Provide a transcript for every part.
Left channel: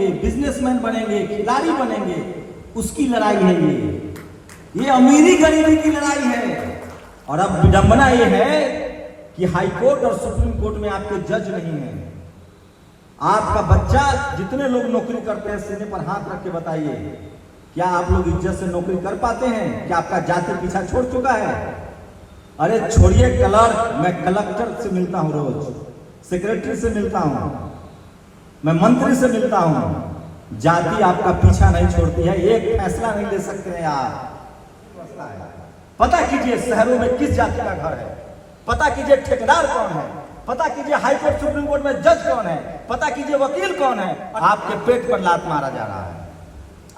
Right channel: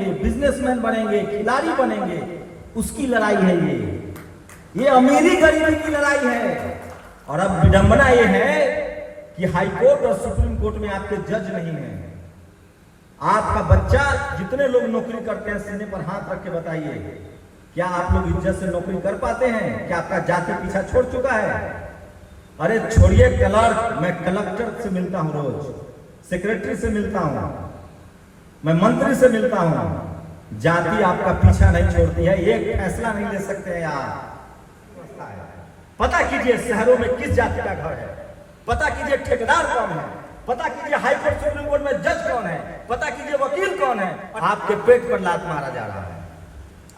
बनेंगे, बिजनेसमैन बनेंगे, खिलाड़ी बनेंगे, उसकी लड़ाई है ये अमीरी गरीबी की लड़ाई है। और अब विडंबना ये है कि हाई कोर्ट और सुप्रीम कोर्ट में आपके जज नहीं है। आपका बच्चा, जितने लोग नौकरी करते हैं सीने पर हाथ रख के बताइए, क्या आप लोग इज्जत से नौकरी कर पाते हैं? क्या आपका जाति पीछा छोड़ चुका है? अरे छोड़िए क्लर्क, मैं कलेक्टर से मिलता हूं, रोज सेक्रेटरी से मिलता हूं, मैं मंत्री से मिलता हूं। जाति आपका पीछा नहीं छोड़ती है, एक फैसला नहीं ले सकते हैं यार। पता कीजिए शहरों में किस जाति का घर है, पता कीजिए ठेकेदार कौन है, पता कीजिए हाई कोर्ट सुप्रीम कोर्ट में जज कौन है, पता कीजिए वकील कौन है। आपके पेट पर लात मारा जा रहा है,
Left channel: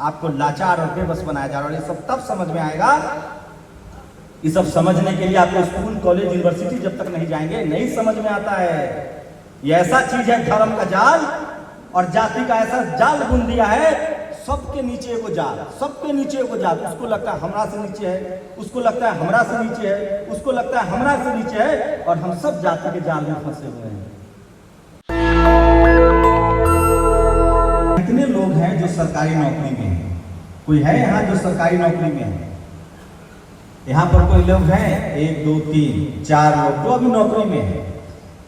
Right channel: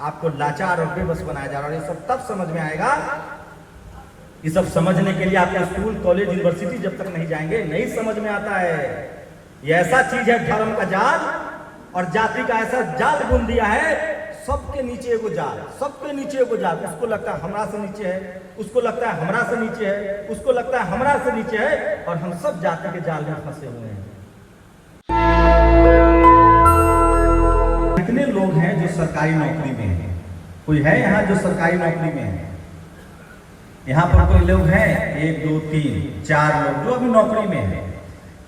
आपको लाचार और बेबस बनाया जा रहा है। और ये सब तब समझ में आएगा, ये सब समझने के लिए आपके स्कूल कॉलेज यूनिवर्सिटी जब तक नहीं जाएंगे नहीं समझ में आता है। ये ऐसा चीज है धर्म का जाल और जाति का ऐसा जाल बुन दिया है, सबके नीचे एगो जाल, सबके नीचे एगो जाल। उसको लगता है हमरा से नीचे है, उसको लगता है हमरा से नीचे है, उसको लगता है हमरा से नीचे है, और हम सब जाति के जाल में फंसे हुए हैं। कितने लोग हैं जो सरकारी नौकरी में हैं? कोई है यहाँ जो सरकारी नौकरी में है? यहाँ पर कोई लोग हैं? 1 2 3 4 लोग तो अभी नौकरी में है।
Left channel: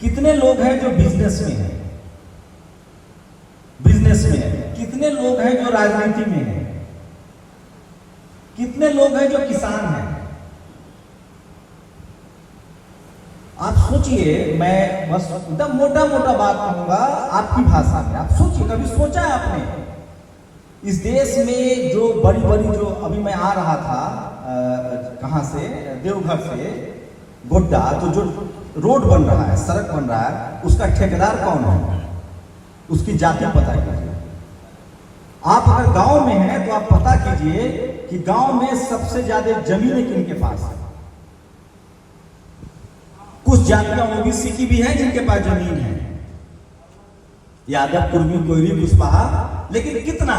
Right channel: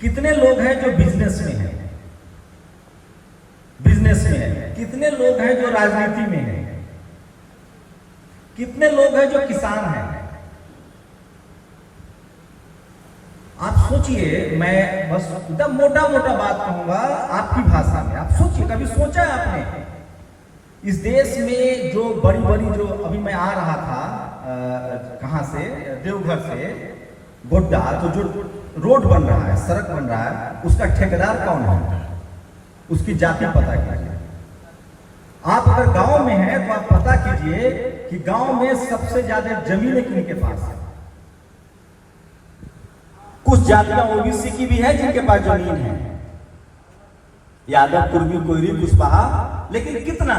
कितने लोग हैं जो बिजनेस में है? बिजनेस में है। कितने लोग हैं जो राजनीति में है? कितने लोग हैं जो किसान हैं? आप सोचिए, मैं बस एकदम मोटा मोटा बात कहूंगा आपकी भाषा में। आप सोचिए, कभी सोचा है आपने इस देश में जो बड़ी बड़ी, जो अभी मैं आ रहा था कहां से, देवघर से गोड्डा, तो जो रोड बन रहा है, सड़क बन रहा है, उसका ठेकेदार कौन है? उसकी जाति पता कीजिए। आप अगर गांव में हैं तो आप पता कीजिए कि गांव में सबसे ज्यादा जमीन किनके पास है। कुछ जातियां ओबीसी की भी है जिनके पास जमीन है, यादव, कुर्मी, कोयरी, कुशवाहा, लेकिन कितना?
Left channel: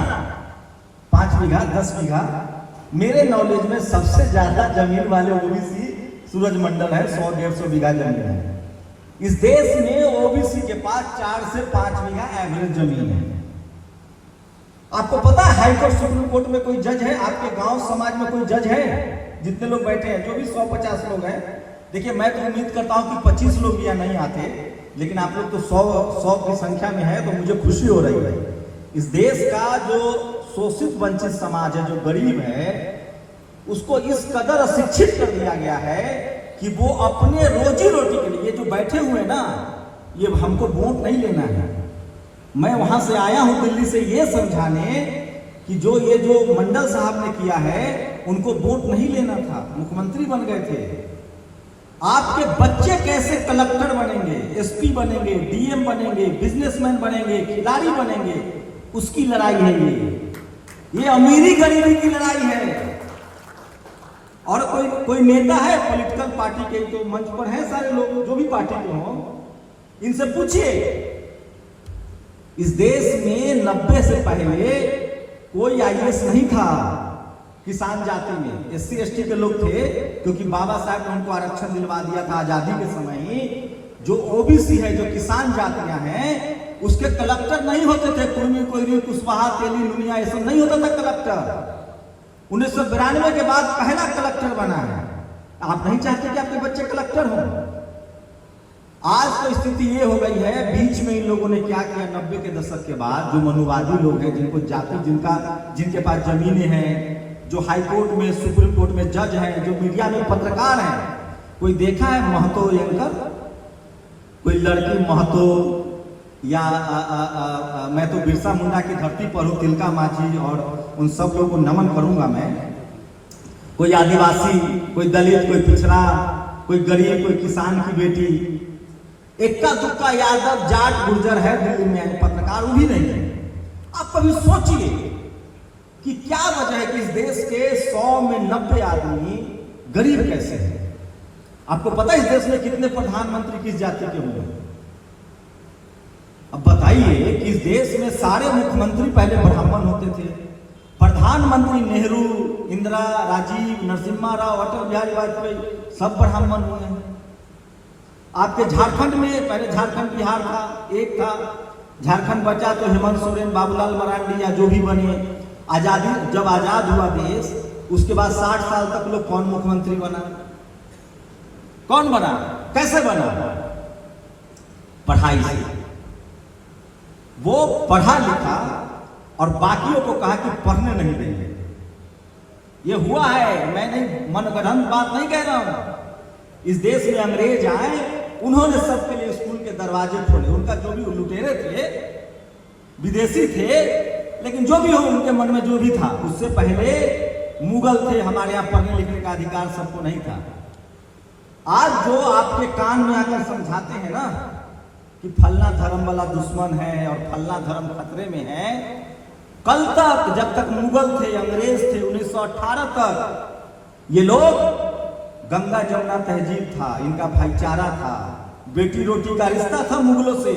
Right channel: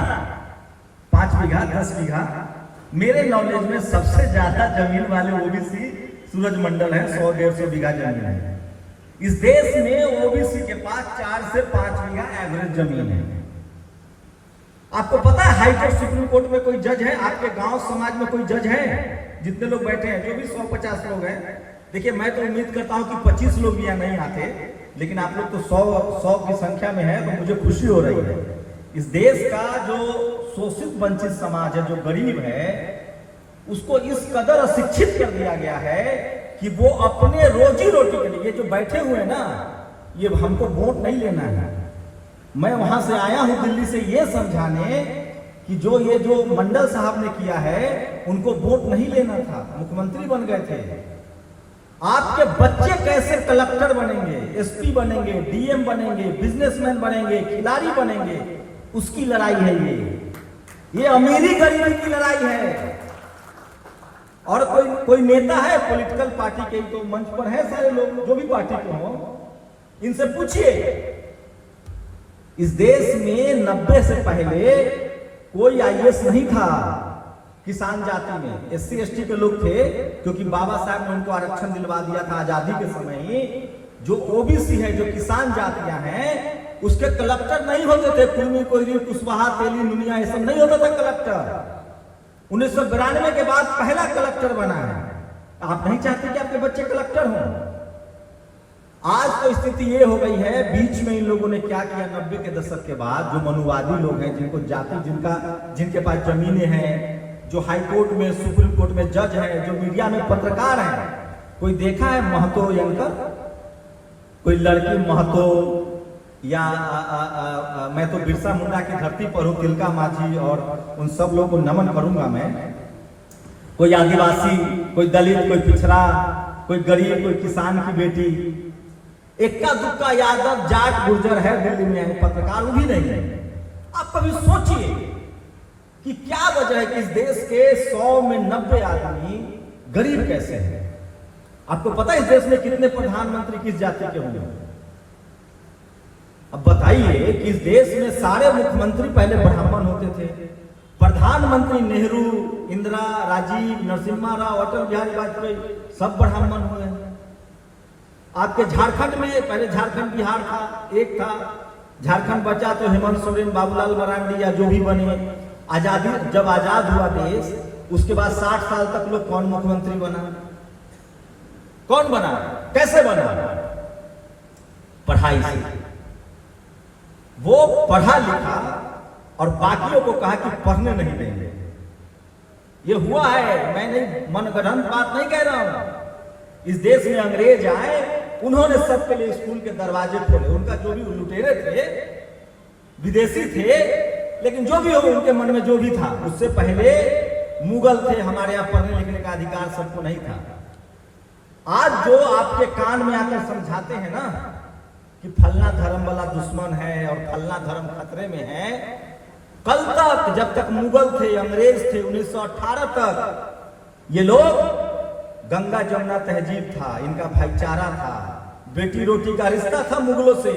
5 बीघा, 10 बीघा। मेरे नॉलेज में सबसे ज्यादा जमीन वाले ओबीसी सूरजमंडल है, 100-150 बीघा जमीन है। इस देश में ओबीसी के पास 4 से 5 बीघा एवरेज जमीन है। आपको पता है हाई कोर्ट सुप्रीम कोर्ट में कोई जज है? आपके गांव समाज में कोई जज है? जितने लोग बैठे हैं, जो भी 100-50 लोग हैं, देखिए मैं तो उम्मीद करता हूं कि 25 लोग भी यहाँ नहीं आते, लेकिन आप लोग तो 100 की संख्या में है, तो मुझे खुशी हो रही है। इस देश का जो शोषित वंचित समाज है, जो गरीब है, उसको इस कदर अशिक्षित कर दिया गया है कि वो अपने रोजी रोटी के लिए, ये जो बैठे हुए हैं ना, ये हमको वोट नहीं लेना है। मैं वहां से आया हूं दिल्ली से ये समझाने कि जो मंडल साहब ने किया है, उनको वोट नहीं लेना था, मुख्यमंत्री बन गए थे। आपके बच्चे कैसे कलेक्टर बनेंगे, एसपी बनेंगे, डीएम बनेंगे, बिजनेसमैन बनेंगे, खिलाड़ी बनेंगे, उसकी लड़ाई है ये अमीरी गरीबी की लड़ाई है। और कोई नेता है पॉलिटिकल पार्टी के, तो मंच पर है सारे लोग, जो भी पार्टी के हो, इनसे पूछिए, इस देश में 90 से पहले कोई आईएएस नहीं था। किसान जाति में SC ST के लोग थे, क्योंकि बाबा साहब ने उनको आरक्षण दिलवा दिया था आजादी के समय ही। जो ओबीसी है, जो किसान जातियां हैं, उसके कलेक्टर नहीं होते थे। कुर्मी, कोयरी, कुशवाहा, तेली, नुनिया, ये सब नहीं होता था कलेक्टर। 1992 के बाद पहला कलेक्टर बना है। आप नहीं चाहते कि आपके बच्चे कलेक्टर हों? आज तो स्थिति ये हो गई है, बीच में इन लोगों ने क्या किया 90 के दशक के बाद, जो मनुवादी लोग हैं, जिनको जाति, जिनके पास जमीनें हैं, जो हाई कोर्ट में, सुप्रीम कोर्ट में जज हैं, जो मीडिया में पत्रकार हैं, कोई देखा है महतो एंकर? कोई लड़की महतो या मैं तो बिरसा मुंडा की धरती पर हूँ, तिलका माझी और उन सब लोगों को नमन करूंगा मैं। कोई आदिवासी, कोई दलित, कोई पिछड़ा, कोई गरीब, कोई किसान की बेटी, इक्का दुक्का यादव, जाट, गुर्जर है दिल्ली में, पत्रकार भी नहीं है। आप कभी सोचिए कि क्या वजह है कि इस देश के 100 में 90 आदमी गरीब कैसे हैं? आपको पता है इस देश में कितने प्रधानमंत्री किस जाति के होंगे? अब बताइए कि इस देश में सारे मुख्यमंत्री पहले ब्राह्मण होते थे। प्रधानमंत्री नेहरू, इंदिरा, राजीव, नरसिम्हा राव, अटल बिहारी वाजपेयी सब ब्राह्मण हुए हैं। आपके झारखंड में पहले झारखंड बिहार था, एक था, झारखंड बचा तो हेमंत सोरेन, बाबूलाल मरांडी या जो भी बने। आजादी, जब आजाद हुआ देश, उसके बाद 60 साल तक लोग कौन मुख्यमंत्री बना? कौन बना? कैसे बना? पढ़ाई से। वो पढ़ा लिखा और बाकियों को कहा कि पढ़ने नहीं देंगे। ये हुआ है, मैं नहीं मनगढ़ंत बात नहीं कह रहा हूं। इस देश में अंग्रेज आए, उन्होंने सबके लिए स्कूल के दरवाजे खोले। उनका जो भी लुटेरे थे, विदेशी थे, लेकिन जो भी हो उनके मन में जो भी था, उससे पहले मुगल थे। हमारे यहाँ पढ़ने लिखने का अधिकार सबको नहीं था। आज जो आपके कान में आकर समझाते हैं ना कि फलना धर्म वाला दुश्मन है और फलना धर्म खतरे में है, कल तक जब तक मुगल थे, अंग्रेज थे, 1918 तक ये लोग, गंगा जमुना तहजीब था, इनका भाईचारा था, बेटी रोटी का रिश्ता था मुगलों से।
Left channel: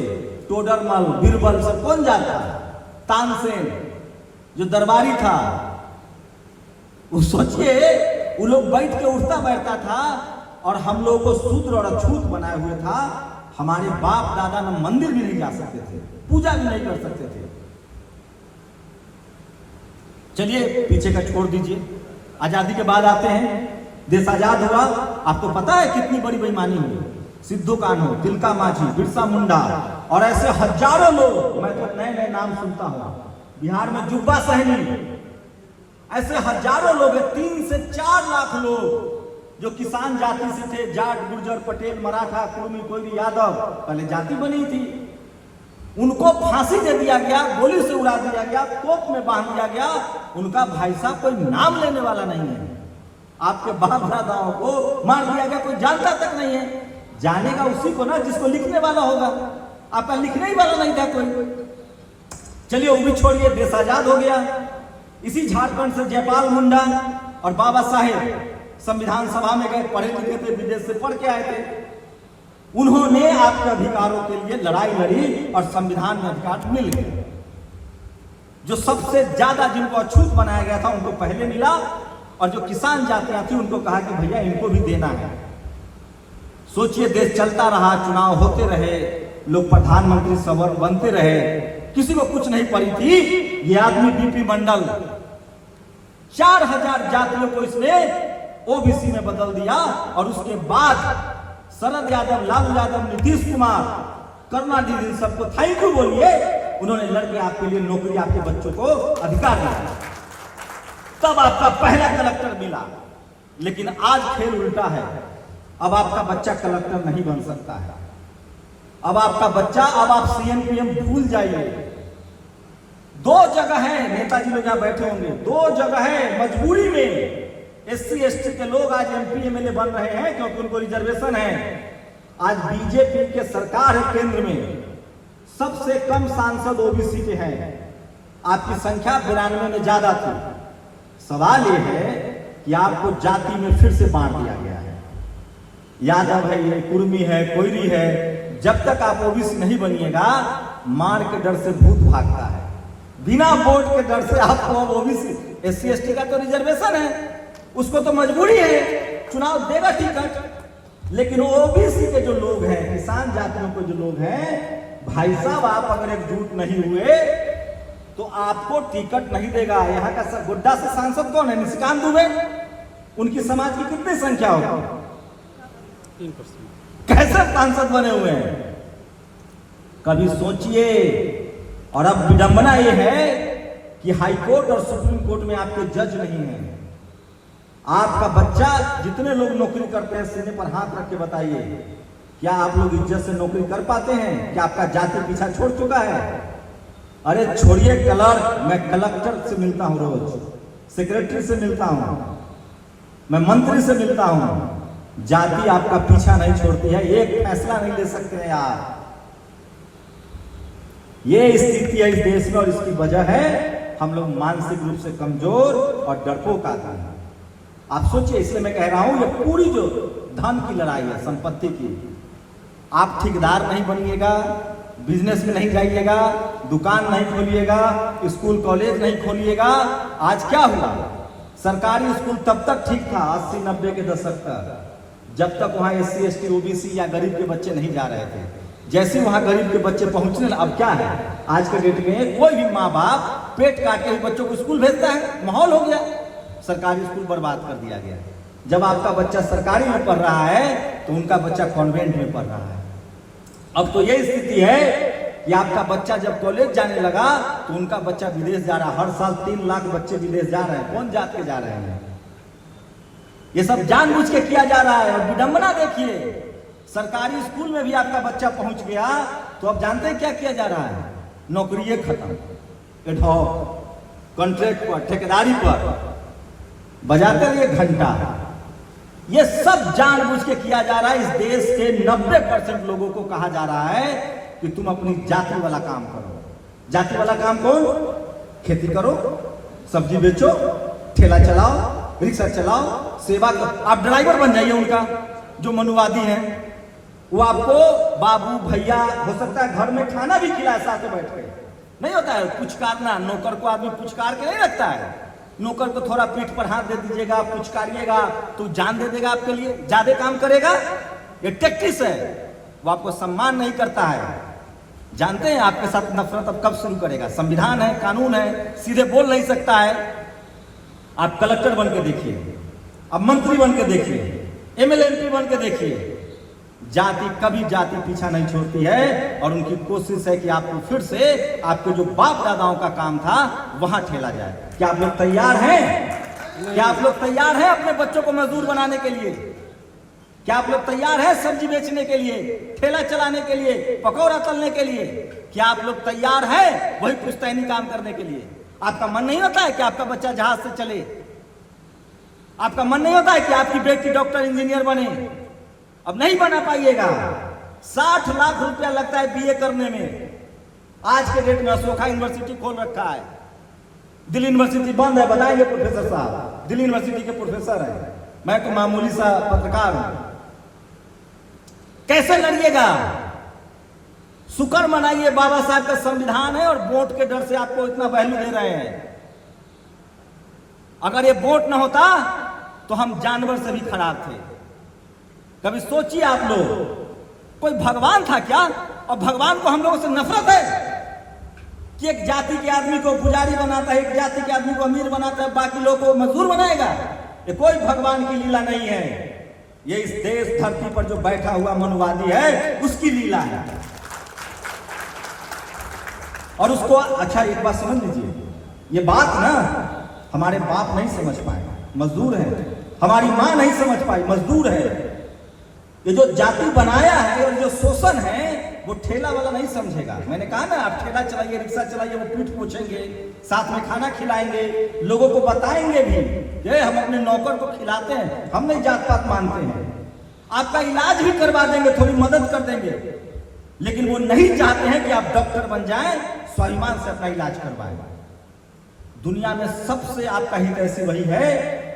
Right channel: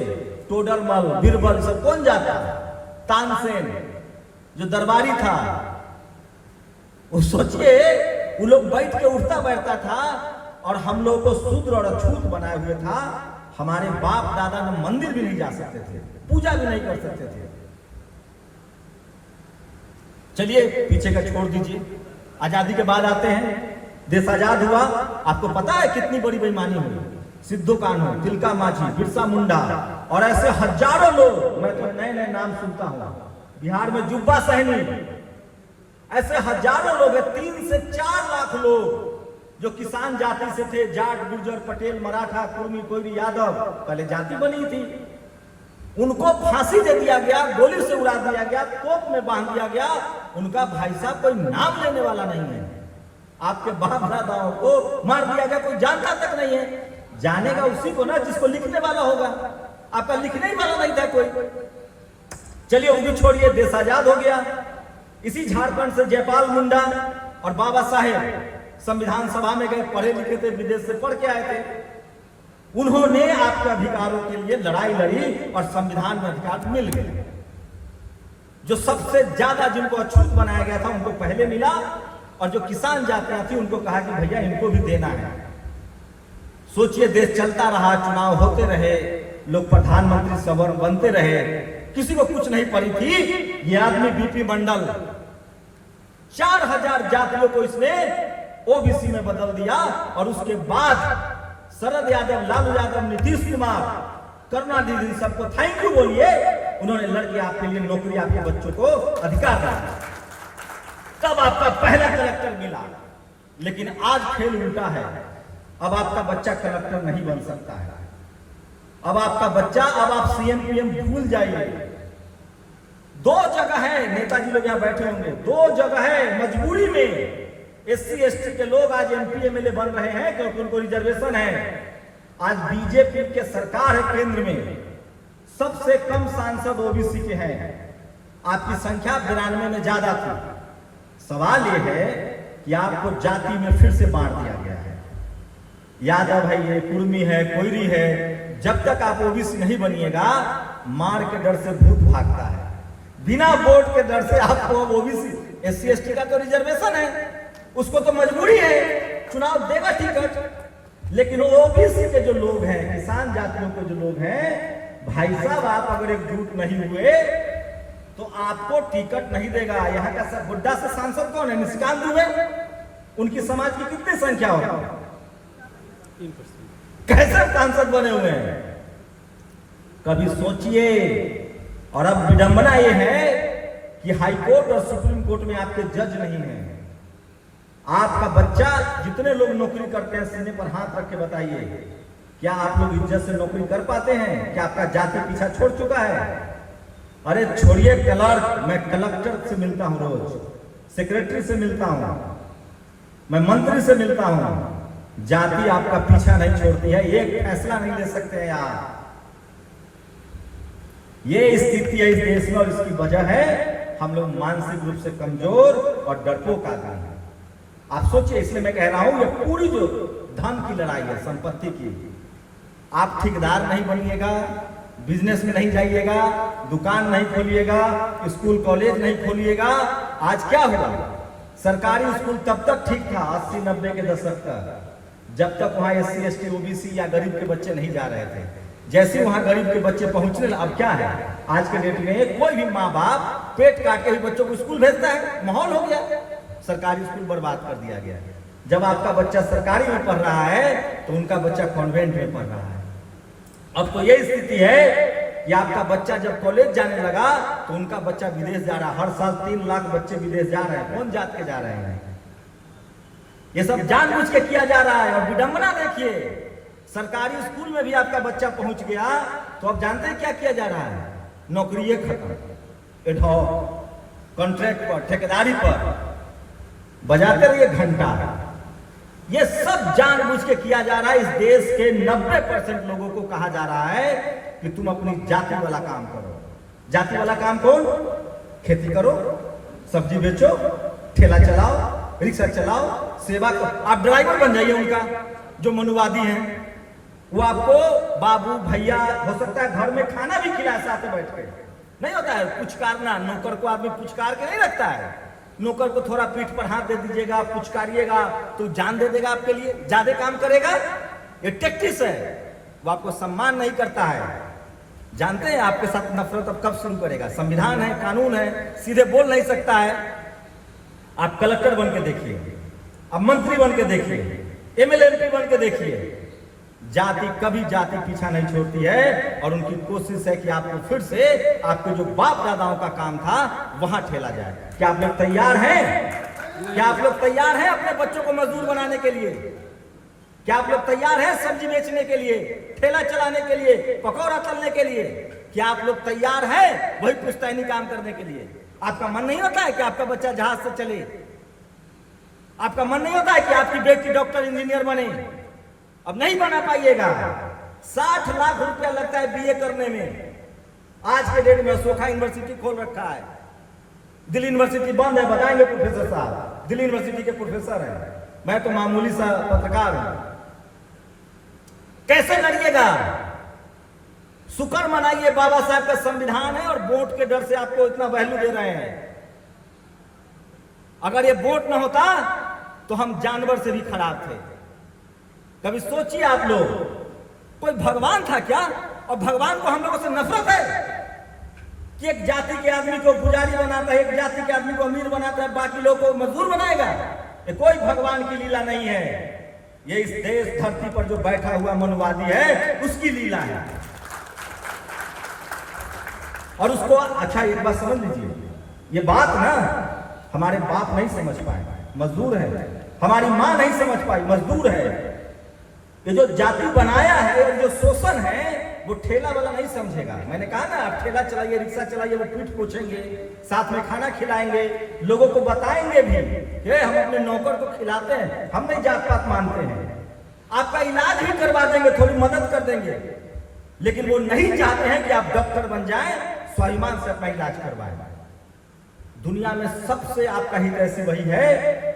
टोडरमल, बीरबल सब कौन जाता? तानसेन जो दरबारी था, वो सोचिए, वो लोग बैठ के उठता बैठता था और हम लोगों को शूद्र और अछूत बनाए हुए था। हमारे बाप दादा न मंदिर भी नहीं जा सकते थे, पूजा भी नहीं कर सकते थे। चलिए पीछे का छोड़ दीजिए, आजादी के बाद आते हैं। देश आजाद हुआ, आपको पता है कितनी बड़ी बेईमानी हुई? सिद्धू कान्हू, तिलका मांझी, बिरसा मुंडा और ऐसे हजारों लोग, मैं तो नए नए नाम सुनता हूं। बिहार में जुब्बा सहनी, ऐसे हजारों लोग हैं, 3 से 4 लाख लोग जो किसान जाति से थे, जाट, गुर्जर, पटेल, मराठा, कुर्मी, कोयरी, यादव, पहले जाति बनी थी। उनको फांसी दे दिया गया, गोली से उड़ा दिया गया, तोप में बांध दिया गया। उनका भाई साहब कोई नाम लेने वाला नहीं है। आपके बाप दादाओं को मार दिया गया, कोई जानता तक नहीं है। जानेगा उसी को ना जिसको लिखने वाला होगा। आपका लिखने ही वाला नहीं था कोई। चलिए वो भी छोड़िए, देश आजाद हो गया। इसी झारखंड से जयपाल मुंडा और बाबा साहेब संविधान सभा में गए, पढ़े लिखे थे, विदेश से पढ़ के आए थे। उन्होंने आपके अधिकारों के लिए लड़ाई लड़ी और संविधान में अधिकार मिल गए। जो सबसे ज्यादा जिनको अछूत बनाया गया था उनको पहले मिला, और जो किसान जातियां थी उनको कहा कि भैया इनको भी देना है। सोचिए, देश चलता रहा, चुनाव होते रहे, लोग प्रधानमंत्री सवर्ण बनते रहे, किसी को कुछ नहीं पड़ी थी। ये आदमी बीपी मंडल 4000 जातियों को इसने ओबीसी में बदल दिया। और उसके बाद शरद यादव, लालू यादव, नीतीश कुमार, करुणानिधि, सबको थैंक यू बोलिए। उन्होंने लड़के आपके लिए नौकरी, आपके बच्चों को अधिकार दिया, तब आपका पहला कलेक्टर मिला। लेकिन आज खेल उल्टा है। अब आपका बच्चा कलेक्टर नहीं बन सकता है। अब आपका बच्चा, अब आप सीएम पीएम भूल जाइए। 2 जगह है, नेताजी लोग यहां बैठे होंगे, 2 जगह है मजबूरी में एससी एसटी के लोग आज एमपी एमएलए बन रहे हैं क्योंकि उनको रिजर्वेशन है। आज बीजेपी के सरकार है केंद्र में, सबसे कम सांसद ओबीसी के हैं। आपकी संख्या 92 में ज्यादा थी। सवाल यह है कि आपको जाति में फिर से बांट दिया गया है। यादव है, ये कुर्मी है, कोयरी है। जब तक आप ओबीसी नहीं बनिएगा, मार के डर से भूत भागता है। बिना वोट के डर से आपको ओबीसी, एससी एसटी का तो रिजर्वेशन है, उसको तो मजबूरी है, चुनाव देगा टिकट। लेकिन ओबीसी के जो लोग हैं, किसान जातियों के जो लोग हैं, भाई साहब आप अगर एकजुट नहीं हुए तो आपको टिकट नहीं देगा। यहाँ का गोड्डा से सांसद कौन है? निशिकांत दुबे। उनकी समाज की कितनी संख्या होगा? 3%। कैसे सांसद बने हुए हैं? कभी सोचिए। और अब विडंबना यह है कि हाईकोर्ट और सुप्रीम कोर्ट में आपके जज नहीं है। आपका बच्चा, जितने लोग नौकरी करते हैं, सीने पर हाथ रख के बताइए, क्या आप लोग इज्जत से नौकरी कर पाते हैं? क्या आपका जाति पीछा छोड़ चुका है? अरे छोड़िए क्लर्क, मैं कलेक्टर से मिलता हूं रोज, सेक्रेटरी से मिलता हूं, मैं मंत्री से मिलता हूं। जाति आपका पीछा नहीं छोड़ती है। एक फैसला नहीं ले सकते हैं आप। ये स्थिति है इस देश में और इसकी वजह है हम लोग मानसिक रूप से कमजोर और डरपोक आदमी हैं। आप सोचिए, इसलिए मैं कह रहा हूं, ये पूरी जो धन की लड़ाई है, संपत्ति की, आप ठेकेदार नहीं बनिएगा, बिजनेस में नहीं जाइएगा, दुकान नहीं खोलिएगा, स्कूल कॉलेज नहीं खोलिएगा। आज क्या हुआ? सरकारी स्कूल तब तक ठीक था 80-90 के दशक तक, जब तक वहां एससी एसटी ओबीसी या गरीब के बच्चे नहीं जा रहे थे। जैसे वहां गरीब के बच्चे पहुंचने लगे, अब क्या है आज के डेट में कोई भी माँ बाप पेट काट के बच्चों को स्कूल भेजता है, माहौल हो गया, सरकारी स्कूल बर्बाद कर दिया गया। जब आपका बच्चा सरकारी में पढ़ रहा है तो उनका बच्चा कॉन्वेंट में पढ़ रहा है। अब तो यही स्थिति है कि आपका बच्चा जब कॉलेज जाने लगा तो उनका बच्चा विदेश जा रहा है। हर साल 3 लाख बच्चे विदेश जा रहे हैं। कौन जात के जा रहे हैं? ये सब जानबूझ के किया जा रहा है। और विडंबना देखिए, सरकारी स्कूल में भी आपका बच्चा पहुंच गया तो अब जानते हैं क्या किया जा रहा है? नौकरी खत्म, एडहॉक, कॉन्ट्रैक्ट पर, ठेकेदारी पर बजाते रहिए घंटा। ये सब जानबूझ के किया जा रहा है। इस देश के 90% लोगों को कहा जा रहा है कि तुम अपनी जाति वाला काम करो। जाति वाला काम कौन? खेती करो, सब्जी बेचो, ठेला चलाओ, रिक्शा चलाओ, सेवा करो। आप ड्राइवर बन जाइए उनका, जो मनुवादी हैं। वो आपको बाबू भैया हो सकता है घर में खाना भी खिलाए साथ में बैठ के। नहीं होता है पुचकारना, नौकर को आदमी पुचकार के नहीं रखता है। नौकर को थोड़ा पीठ पर हाथ दे दीजिएगा, पुचकारिएगा तो जान दे देगा आपके लिए, ज्यादा काम करेगा। ये टैक्टिस है, वो आपको सम्मान नहीं करता है। जानते हैं आपके साथ नफरत अब कब शुरू करेगा? संविधान है, कानून है, सीधे बोल नहीं सकता है। आप कलेक्टर बन के देखिए, अब मंत्री बन के देखिए, एमएलए एमपी बन के देखिए, जाति कभी जाति पीछा नहीं छोड़ती है। और उनकी कोशिश है कि आपको फिर से आपके जो बाप दादाओं का काम था वहां ठेला जाए। क्या आप लोग तैयार हैं? क्या आप लोग तैयार हैं अपने बच्चों को मजदूर बनाने के लिए? क्या आप लोग तैयार हैं सब्जी बेचने के लिए, ठेला चलाने के लिए, पकौड़ा तलने के लिए? क्या आप लोग तैयार हैं वही पुश्तैनी काम करने के लिए? आपका मन नहीं होता है कि आपका बच्चा जहाज से चले? आपका मन नहीं होता है कि आपकी बेटी डॉक्टर इंजीनियर बने? अब नहीं बना पाइएगा। 60 लाख रुपया लगता है बीए करने में। आज के डेट में अशोका यूनिवर्सिटी खोल रखा है, दिल्ली यूनिवर्सिटी बंद है। बताएंगे प्रोफेसर साहब, दिल्ली यूनिवर्सिटी के प्रोफेसर हैं, मैं तो मामूली सा पत्रकार हूं। कैसे लड़िएगा? शुक्र मनाइए बाबा साहब का संविधान है और वोट के डर से आपको इतना वैल्यू दे रहे हैं। अगर ये वोट न होता तो हम जानवर से भी खराब थे। कभी सोचिए आप लोग, कोई भगवान था क्या? और भगवान को हम लोगों से नफरत है कि एक जाति के आदमी को पुजारी बनाता है, एक जाति के आदमी को अमीर बनाता है, बाकी लोगों को मजदूर बनाएगा। ये कोई भगवान की लीला नहीं है। ये इस देश धरती पर जो बैठा हुआ मनुवादी है उसकी लीला है। और उसको अच्छा एक बात समझ लीजिए, ये बात ना हमारे बाप नहीं समझ पाए, मजदूर है। हमारी मां नहीं समझ पाई, मजदूर है। ये जो जाति बनाया है और जो शोषण है वो ठेला वाला नहीं समझेगा। मैंने कहा ना, आप ठेला चलाइए, रिक्शा चलाइए, वो पीठ पोछेंगे, साथ में खाना खिलाएंगे, लोगों को बताएंगे भी कि हम अपने नौकर को खिलाते हैं, हम नहीं जात पात मानते हैं। आपका इलाज भी करवा देंगे, थोड़ी मदद कर देंगे, लेकिन वो नहीं चाहते हैं कि आप डॉक्टर बन जाएं, स्वाभिमान से अपना इलाज करवाएं। दुनिया में सबसे आपका हित ऐसी वही है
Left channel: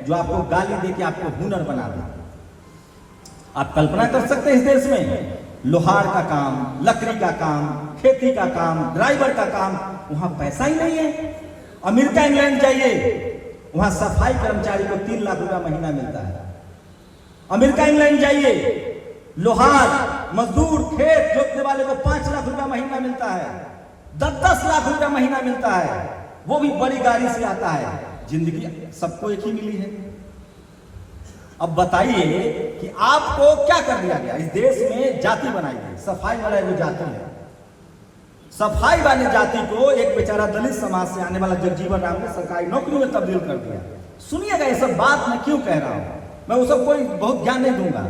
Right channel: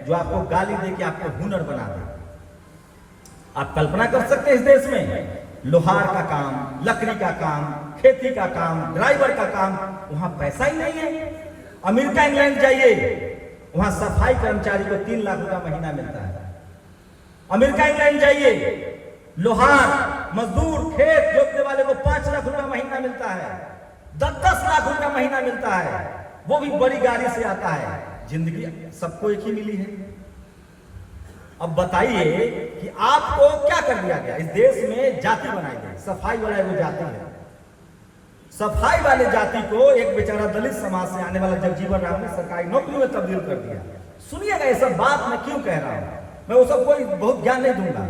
जो आपको गाली दे के आपको हुनर बना दे। आप कल्पना कर सकते हैं इस देश में लोहार का काम, लकड़ी का काम, खेती का काम, ड्राइवर का काम, वहां पैसा ही नहीं है। अमेरिका इंग्लैंड जाइए, वहां सफाई कर्मचारी को 3 लाख रुपया महीना मिलता है। अमेरिका इंग्लैंड जाइए, लोहार मजदूर खेत जोतने वाले को 5 लाख रुपया महीना मिलता है, 10-10 लाख रुपया महीना मिलता है, वो भी बड़ी गाड़ी से आता है। जिंदगी सबको एक ही मिली है। अब बताइए कि आपको क्या कर दिया गया? इस देश में जाति बनाई गई, सफाई वाला वो जाति है। सफाई वाले जाति को एक बेचारा दलित समाज से आने वाला जगजीवन राम ने सरकारी नौकरी में तब्दील कर दिया। सुनिएगा ये सब बात मैं क्यों कह रहा हूं, मैं वो सब कोई बहुत ज्ञान नहीं दूंगा।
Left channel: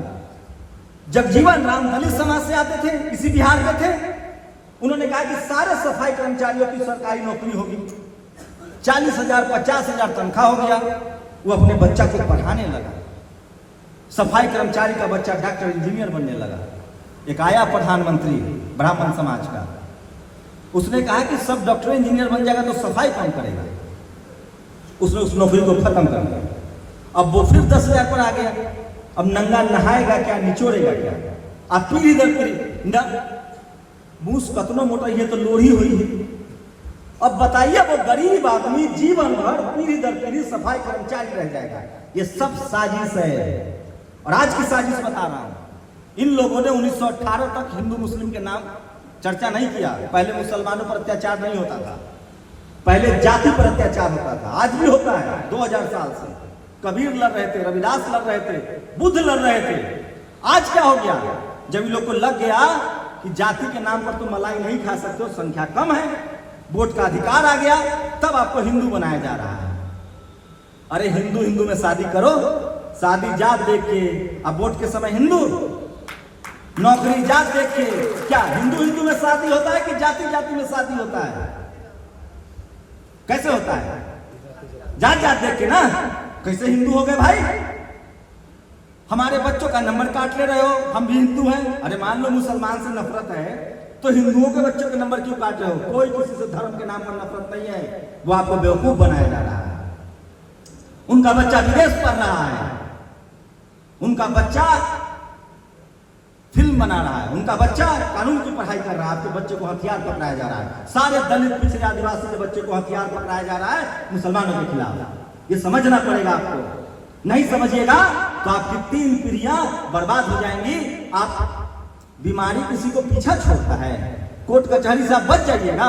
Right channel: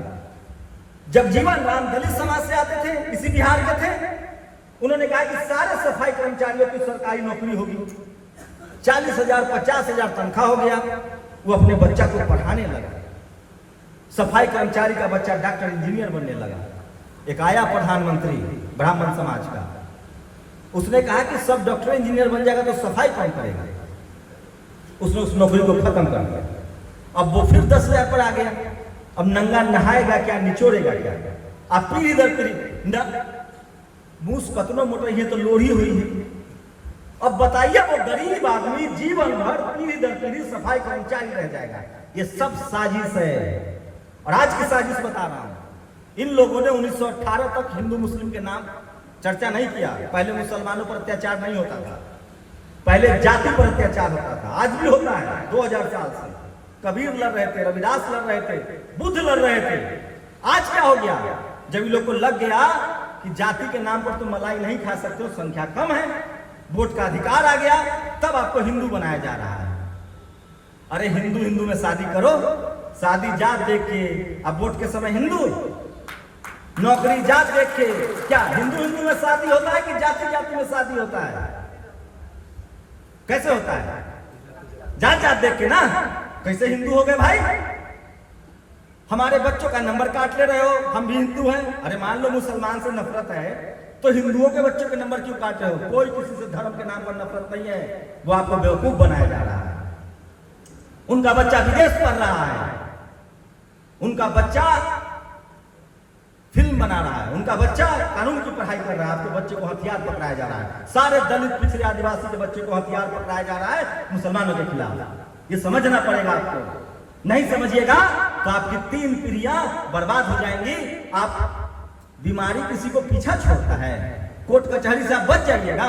जगजीवन राम दलित समाज से आते थे, इसी बिहार के थे। उन्होंने कहा कि सारे सफाई कर्मचारियों की सरकारी नौकरी होगी। 40,000 50,000 तनख्वाह हो गया। वो अपने बच्चा को पढ़ाने लगा। सफाई कर्मचारी का बच्चा डॉक्टर इंजीनियर बनने लगा। एक आया प्रधानमंत्री ब्राह्मण समाज का, उसने कहा कि सब डॉक्टर इंजीनियर बन जाएगा तो सफाई कौन करेगा? उसने उस नौकरी को खत्म कर दिया। अब वो फिर 10,000 पर आ गया। अब नंगा नहाएगा क्या, निचोड़ेगा क्या? अब पीढ़ी दर पीढ़ी मूस कतनो मोटा, ये तो लोढ़ी हुई है। अब बताइए वो गरीब आदमी जीवन भर पीढ़ी दर पीढ़ी सफाई कर्मचारी रह जाएगा। ये सब साजिश है। और आज की साजिश बता रहा हूं, इन लोगों ने 1918 तक हिंदू मुस्लिम के नाम चर्चा नहीं किया। पहले मुसलमानों पर अत्याचार नहीं होता था, पहले जाति पर अत्याचार होता था, आज भी होता है। 2000 साल से कबीर लड़ रहे थे, रविदास लड़ रहे थे, बुद्ध लड़ रहे थे। आज क्या हो गया? जब इन लोग को लग गया कि जाति के नाम पर तुम मलाई नहीं खा सकते हो, संख्या कम है, वोट का अधिकार आ गया, तब आपको हिंदू बनाया जा रहा है। अरे हिंदू हिंदू में शादी करो, शादी जात देख के, अब वोट के समय हिंदू, नौकरी जात देख के। क्या हिंदू हिंदू में शादी होता है कि जाति जाति में शादी होता है? कैसे होता है? जात जात देख के ना। कैसे हिंदू हो गए भाई? हमारे बच्चों का नंबर काट ले रहे हो, हम भी हिंदू हैं। अरे मान लो मुसलमान से नफरत है तो हिंदुओं के बच्चों के नंबर क्यों काट रहे हो? कोई किसी से धर्म के नाम पर नफरत नहीं है, वो आपको बेवकूफ बनाया जा रहा है। उनका बच्चा विदेश पढ़ रहा है, उनका बच्चा फिल्म बना रहा है, उनका बच्चा कानून की पढ़ाई कर रहा है, आपके बच्चे को हथियार पकड़ाया जा रहा है। सारे दलित पिछड़े आदिवासी के बच्चे को हथियार पकड़ाया जा रहा है मुसलमानों के खिलाफ। ये समझना पड़ेगा आपको। नहीं समझिएगा तो आपकी 3 पीढ़ियां बर्बाद हो जाएंगी। आप बीमारी किसी को पीछा छोड़ता है, कोर्ट कचहरी से आप बच जाइएगा,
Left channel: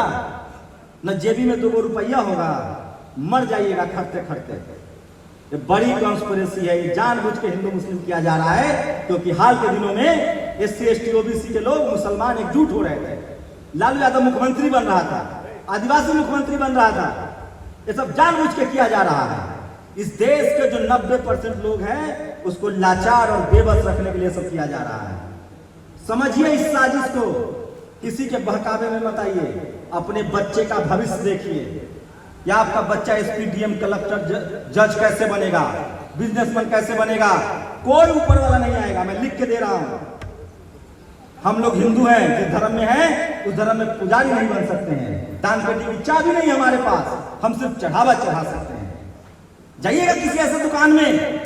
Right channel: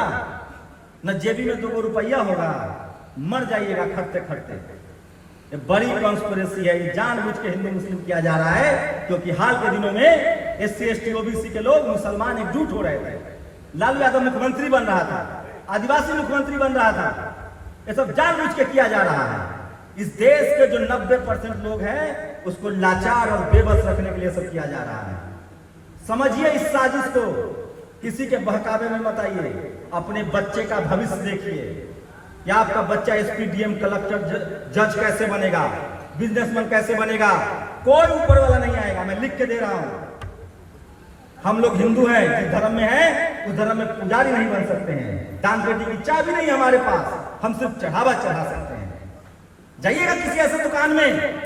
न जेबी में 2 रुपया होगा, मर जाइएगा खटते खटते। ये बड़ी कॉन्स्पिरेसी है, ये जानबूझ के हिंदू मुस्लिम किया जा रहा है, क्योंकि हाल के दिनों में SC ST OBC के लोग मुसलमान एकजुट हो रहे थे। लालू यादव मुख्यमंत्री बन रहा था, आदिवासी मुख्यमंत्री बन रहा था। ये सब जानबूझ के किया जा रहा है। इस देश के जो 90% लोग हैं उसको लाचार और बेबस रखने के लिए सब किया जा रहा है। समझिए इस साजिश को, किसी के बहकावे में मत आइए। अपने बच्चे का भविष्य देखिए। या आपका बच्चा SP DM कलेक्टर जज कैसे बनेगा, बिजनेसमैन कैसे बनेगा? कोई ऊपर वाला नहीं आएगा, मैं लिख के दे रहा हूं। हम लोग हिंदू हैं, जिस धर्म में हैं उस धर्म में पुजारी नहीं बन सकते हैं। दान पेटी की चाबी नहीं है हमारे पास, हम सिर्फ चढ़ावा चढ़ा सकते हैं। जाइएगा किसी ऐसे दुकान में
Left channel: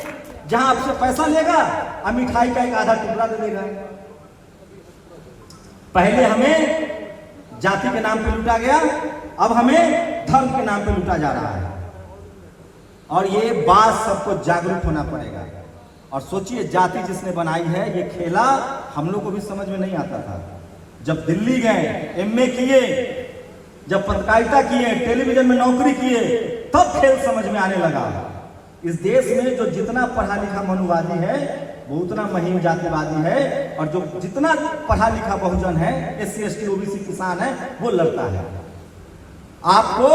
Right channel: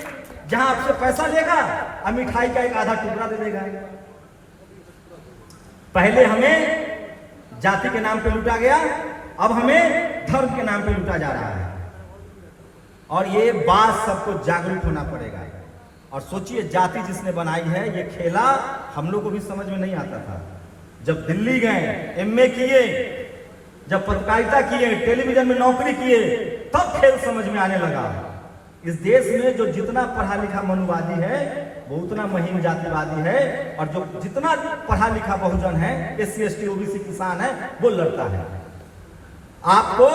जहां आपसे पैसा लेगा और मिठाई का एक आधा टुकड़ा दे देगा। पहले हमें जाति के नाम पे लूटा गया, अब हमें धर्म के नाम पे लूटा जा रहा है। और ये बात सबको जागरूक होना पड़ेगा। और सोचिए, जाति जिसने बनाई है, ये खेला हम लोग को भी समझ में नहीं आता था। जब दिल्ली गए, MA किए, जब पत्रकारिता किए, टेलीविजन में नौकरी किए, तब खेल समझ में आने लगा। इस देश में जो जितना पढ़ा लिखा मनुवादी है वो उतना महीन जातिवादी है, और जो जितना पढ़ा लिखा बहुजन है, SC ST OBC किसान है, वो लड़ता है। आपको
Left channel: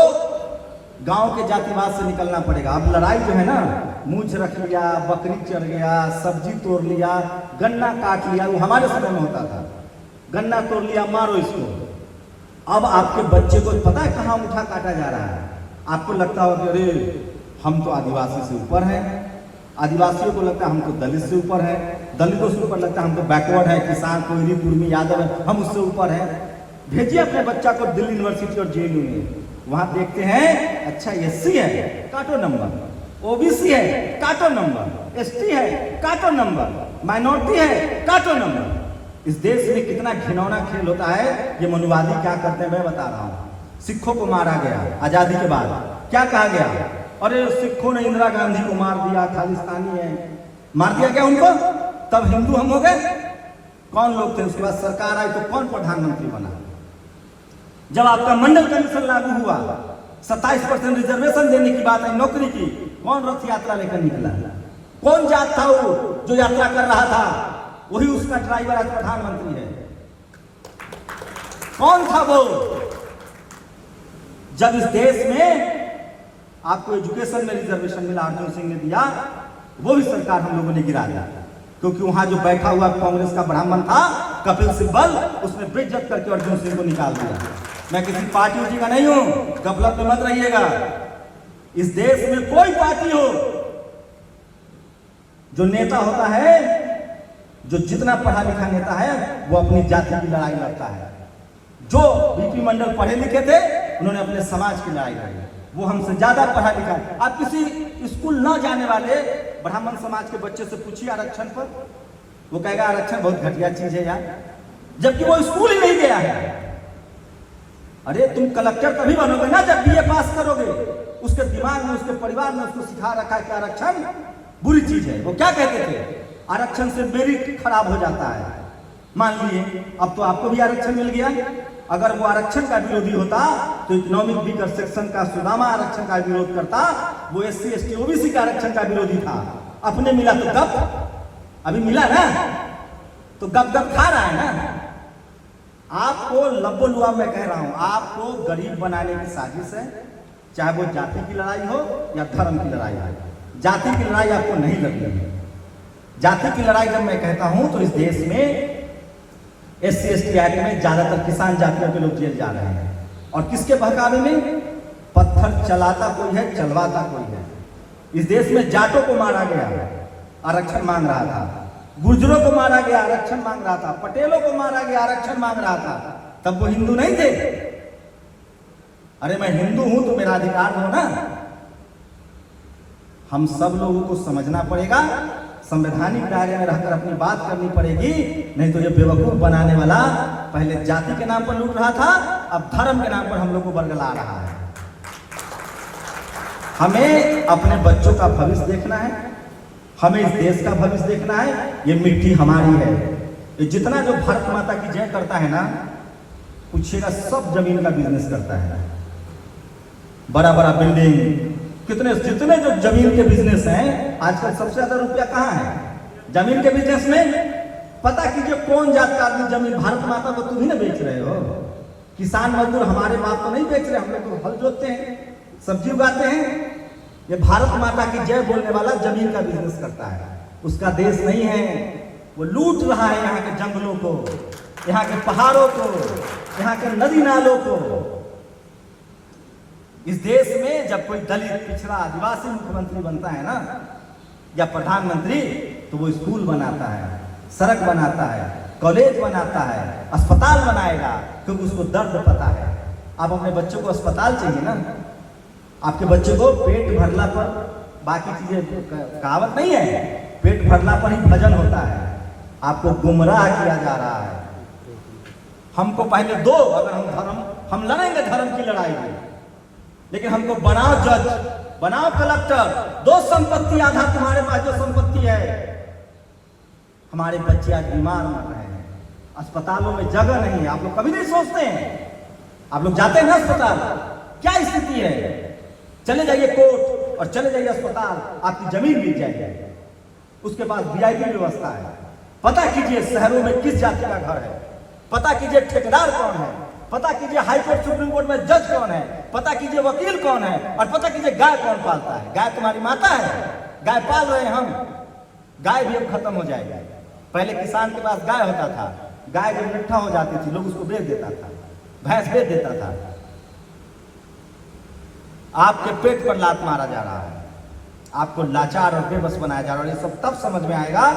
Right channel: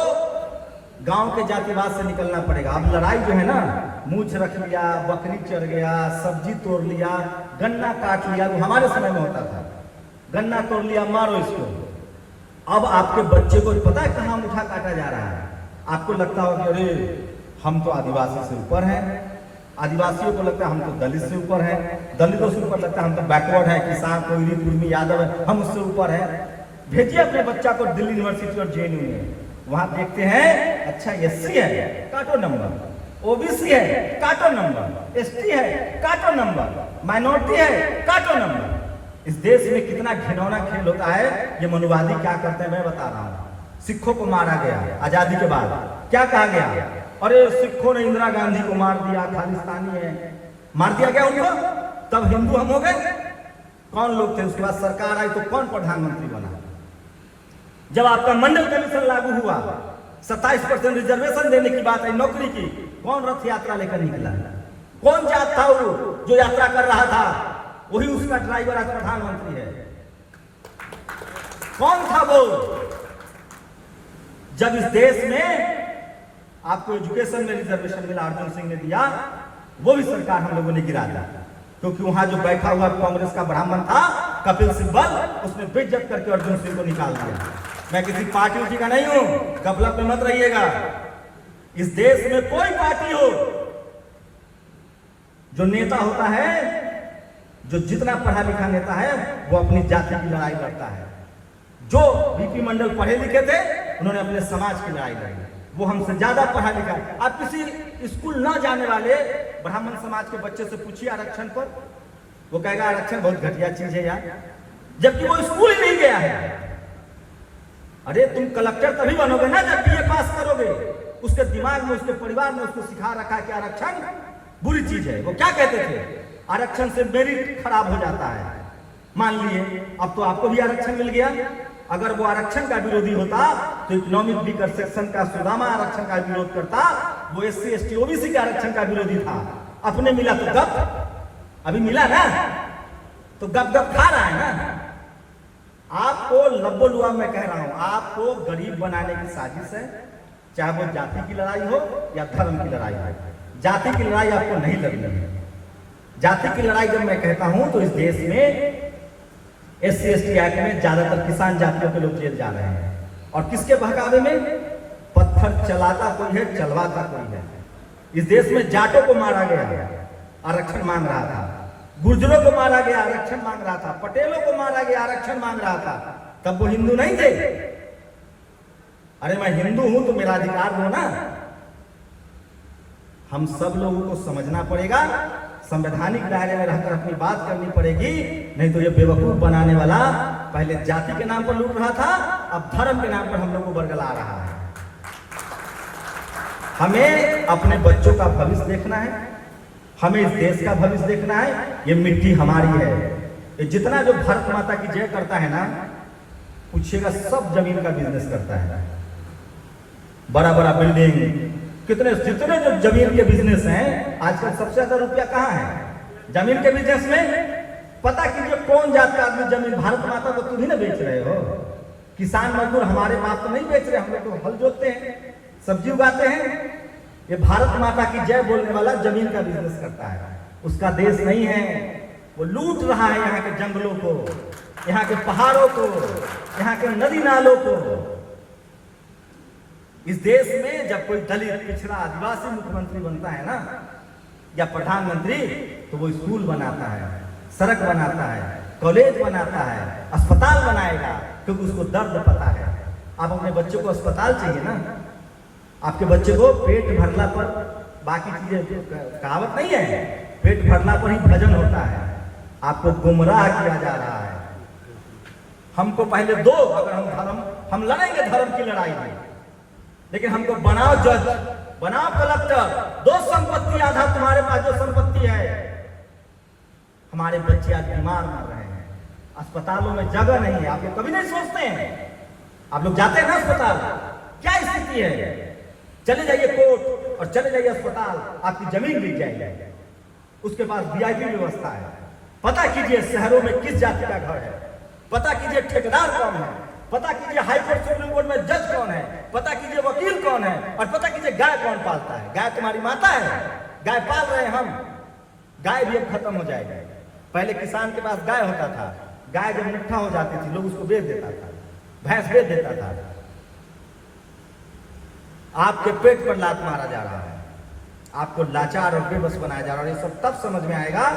गांव के जातिवाद से निकलना पड़ेगा। अब लड़ाई जो है ना, मूछ रख लिया, बकरी चढ़ गया, सब्जी तोड़ लिया, गन्ना काट लिया, वो हमारे समय में होता था। गन्ना तोड़ लिया, मारो इसको। अब आपके बच्चे को पता है कहाँ मुठा काटा जा रहा है? आपको लगता हो कि अरे हम तो आदिवासी से ऊपर हैं, आदिवासियों को लगता है हम तो दलित से ऊपर हैं, दलितों से ऊपर लगता है हम तो बैकवर्ड है, किसान, कोयली, कुर्मी, यादव है, हम उससे ऊपर हैं। भेजिए अपने बच्चा को दिल्ली यूनिवर्सिटी और JNU में, वहां देखते हैं अच्छा SC है, काटो नंबर, OBC है, काटो नंबर, ST है, काटो नंबर, माइनॉरिटी है, काटो नंबर। इस देश में कितना घिनौना खेल होता है। ये मनुवादी क्या करते हैं मैं बता रहा हूँ। सिखों को मारा गया आजादी के बाद, क्या कहा गया? अरे सिखों ने इंदिरा गांधी को मार दिया, खालिस्तानी है, मार दिया गया उनको, तब हिंदू हम हो गए। कौन लोग थे? उसके बाद सरकार आई तो कौन प्रधानमंत्री बना? जब आपका मंडल कमीशन लागू हुआ, 27% रिजर्वेशन देने की बात आई नौकरी की, कौन रथ यात्रा लेकर निकला? कौन जात था वो जो यात्रा कर रहा था? वही उसका ड्राइवर आज प्रधानमंत्री है। कौन था वो? जब इस देश में आपको एजुकेशन में रिजर्वेशन मिला, अर्जुन सिंह ने दिया, वो भी सरकार हम लोगों ने गिरा दिया, क्योंकि वहां जो बैठा हुआ कांग्रेस का ब्राह्मण था कपिल सिब्बल, उसने बेइज्जत करके अर्जुन सिंह को निकाल दिया। मैं किसी पार्टी उसी का नहीं हूं, गफलत में मत रहिएगा। इस देश में कोई पार्टी हो, जो नेता होता है, जो जितना पढ़ा लिखा नेता है, वो अपनी जाति की लड़ाई लड़ता है। जो बीपी मंडल पढ़े लिखे थे, उन्होंने अपने समाज की लड़ाई लड़ी, वो हमसे ज्यादा पढ़ा लिखा है। आप किसी स्कूल न जाने वाले ब्राह्मण समाज के बच्चे से पूछिए आरक्षण पर, वो कहेगा आरक्षण बहुत घटिया चीज है यार, जबकि वो स्कूल ही नहीं गया है। अरे तुम कलेक्टर तभी बनोगे ना जब BA पास करोगे। उसके दिमाग में, उसके परिवार में उसको सिखा रखा है कि आरक्षण बुरी चीज है। वो क्या कहते थे? आरक्षण से मेरिट खराब हो जाता है। मान लिए अब तो आपको भी आरक्षण मिल गया, अगर वो आरक्षण का विरोधी होता तो इकोनॉमिक वीकर सेक्शन का सुदामा आरक्षण का विरोध करता, वो SC ST OBC का आरक्षण का विरोधी था। अपने मिला तो गप, अभी मिला ना तो गप गप खा रहा है ना। आपको लब्बो लुआ मैं कह रहा हूं, आपको गरीब बनाने की साजिश है, चाहे वो जाति की लड़ाई हो या धर्म की लड़ाई हो। जाति की लड़ाई आपको नहीं लड़नी है। जाति की लड़ाई जब मैं कहता हूं तो इस देश में SC ST एक्ट में ज्यादातर किसान जातियों के लोग जेल जा रहे हैं, और किसके बहकावे में? पत्थर चलाता कोई है, चलवाता कोई है। इस देश में जाटों को मारा गया, आरक्षण मांग रहा था, गुर्जरों को मारा गया, आरक्षण मांग रहा था, पटेलों को मारा गया, आरक्षण मांग रहा था। तब वो हिंदू नहीं थे। अरे मैं हिंदू हूं तो मेरा अधिकार हो ना। हम सब लोगों को समझना पड़ेगा, संवैधानिक दायरे में रहकर अपनी बात करनी पड़ेगी, नहीं तो ये बेवकूफ बनाने वाला पहले जाति के नाम पर लूट रहा था, अब धर्म के नाम पर हम लोग को बरगला रहा है। हमें अपने बच्चों का भविष्य देखना है, हमें इस देश का भविष्य देखना है। ये मिट्टी हमारी है। ये जितना जो भारत माता की जय करता है ना, पूछिएगा सब जमीन का बिजनेस करता है। बड़ा बड़ा बिल्डिंग, कितने जितने जो जमीन के बिजनेस हैं, आजकल सबसे ज्यादा रुपया कहाँ है? जमीन के बिजनेस में। पता कीजिए कौन जात का आदमी जमीन, भारत माता को तुम ही ना बेच रहे हो। किसान मजदूर हमारे बाप तो नहीं बेच रहे, हम लोग तो हल जोतते हैं, सब्जी उगाते हैं। ये भारत माता की जय बोलने वाला जमीन का बिजनेस करता है, उसका देश नहीं है। वो लूट रहा है यहाँ के जंगलों को, यहाँ के पहाड़ों को, यहाँ के नदी नालों को। इस देश में जब कोई दलित, पिछड़ा, आदिवासी मुख्यमंत्री बनता है ना, या प्रधानमंत्री, तो वो स्कूल बनाता है, सड़क बनाता है, कॉलेज बनाता है, अस्पताल बनाएगा, क्योंकि उसको दर्द पता है। आप अपने बच्चों को अस्पताल चाहिए ना, आपके बच्चे को पेट भरना पर बाकी चीजें, कहावत नहीं है, पेट भरना पर ही भजन होता है। आपको गुमराह किया जा रहा है। हमको पहले दो, अगर हम लड़ेंगे धर्म की लड़ाई में, लेकिन हमको बनाओ जज, बनाओ कलेक्टर, दो संपत्ति, आधा तुम्हारे पास जो संपत्ति है। हमारे बच्चे आज बीमार मर रहे हैं, अस्पतालों में जगह नहीं है। आप लोग कभी नहीं सोचते हैं? आप लोग जाते हैं ना अस्पताल, क्या स्थिति है? चले जाइए कोर्ट और चले जाइए अस्पताल, आपकी जमीन बिक जाएगी, उसके पास VIP व्यवस्था है। पता कीजिए शहरों में किस जाति का घर है, पता कीजिए ठेकेदार कौन है, पता कीजिए हाईकोर्ट सुप्रीम कोर्ट में जज कौन है, पता कीजिए वकील कौन है, और पता कीजिए गाय कौन पालता है। गाय तुम्हारी माता है, गाय पाल रहे हैं हम। गाय भी अब खत्म हो जाएगी। पहले किसान के पास गाय होता था, गाय जब नट्ठा हो जाती थी लोग उसको बेच देता था, भैंस बेच देता था। आपके पेट पर लात मारा जा रहा है, आपको लाचार और बेबस बनाया जा रहा है। और ये सब तब समझ में आएगा,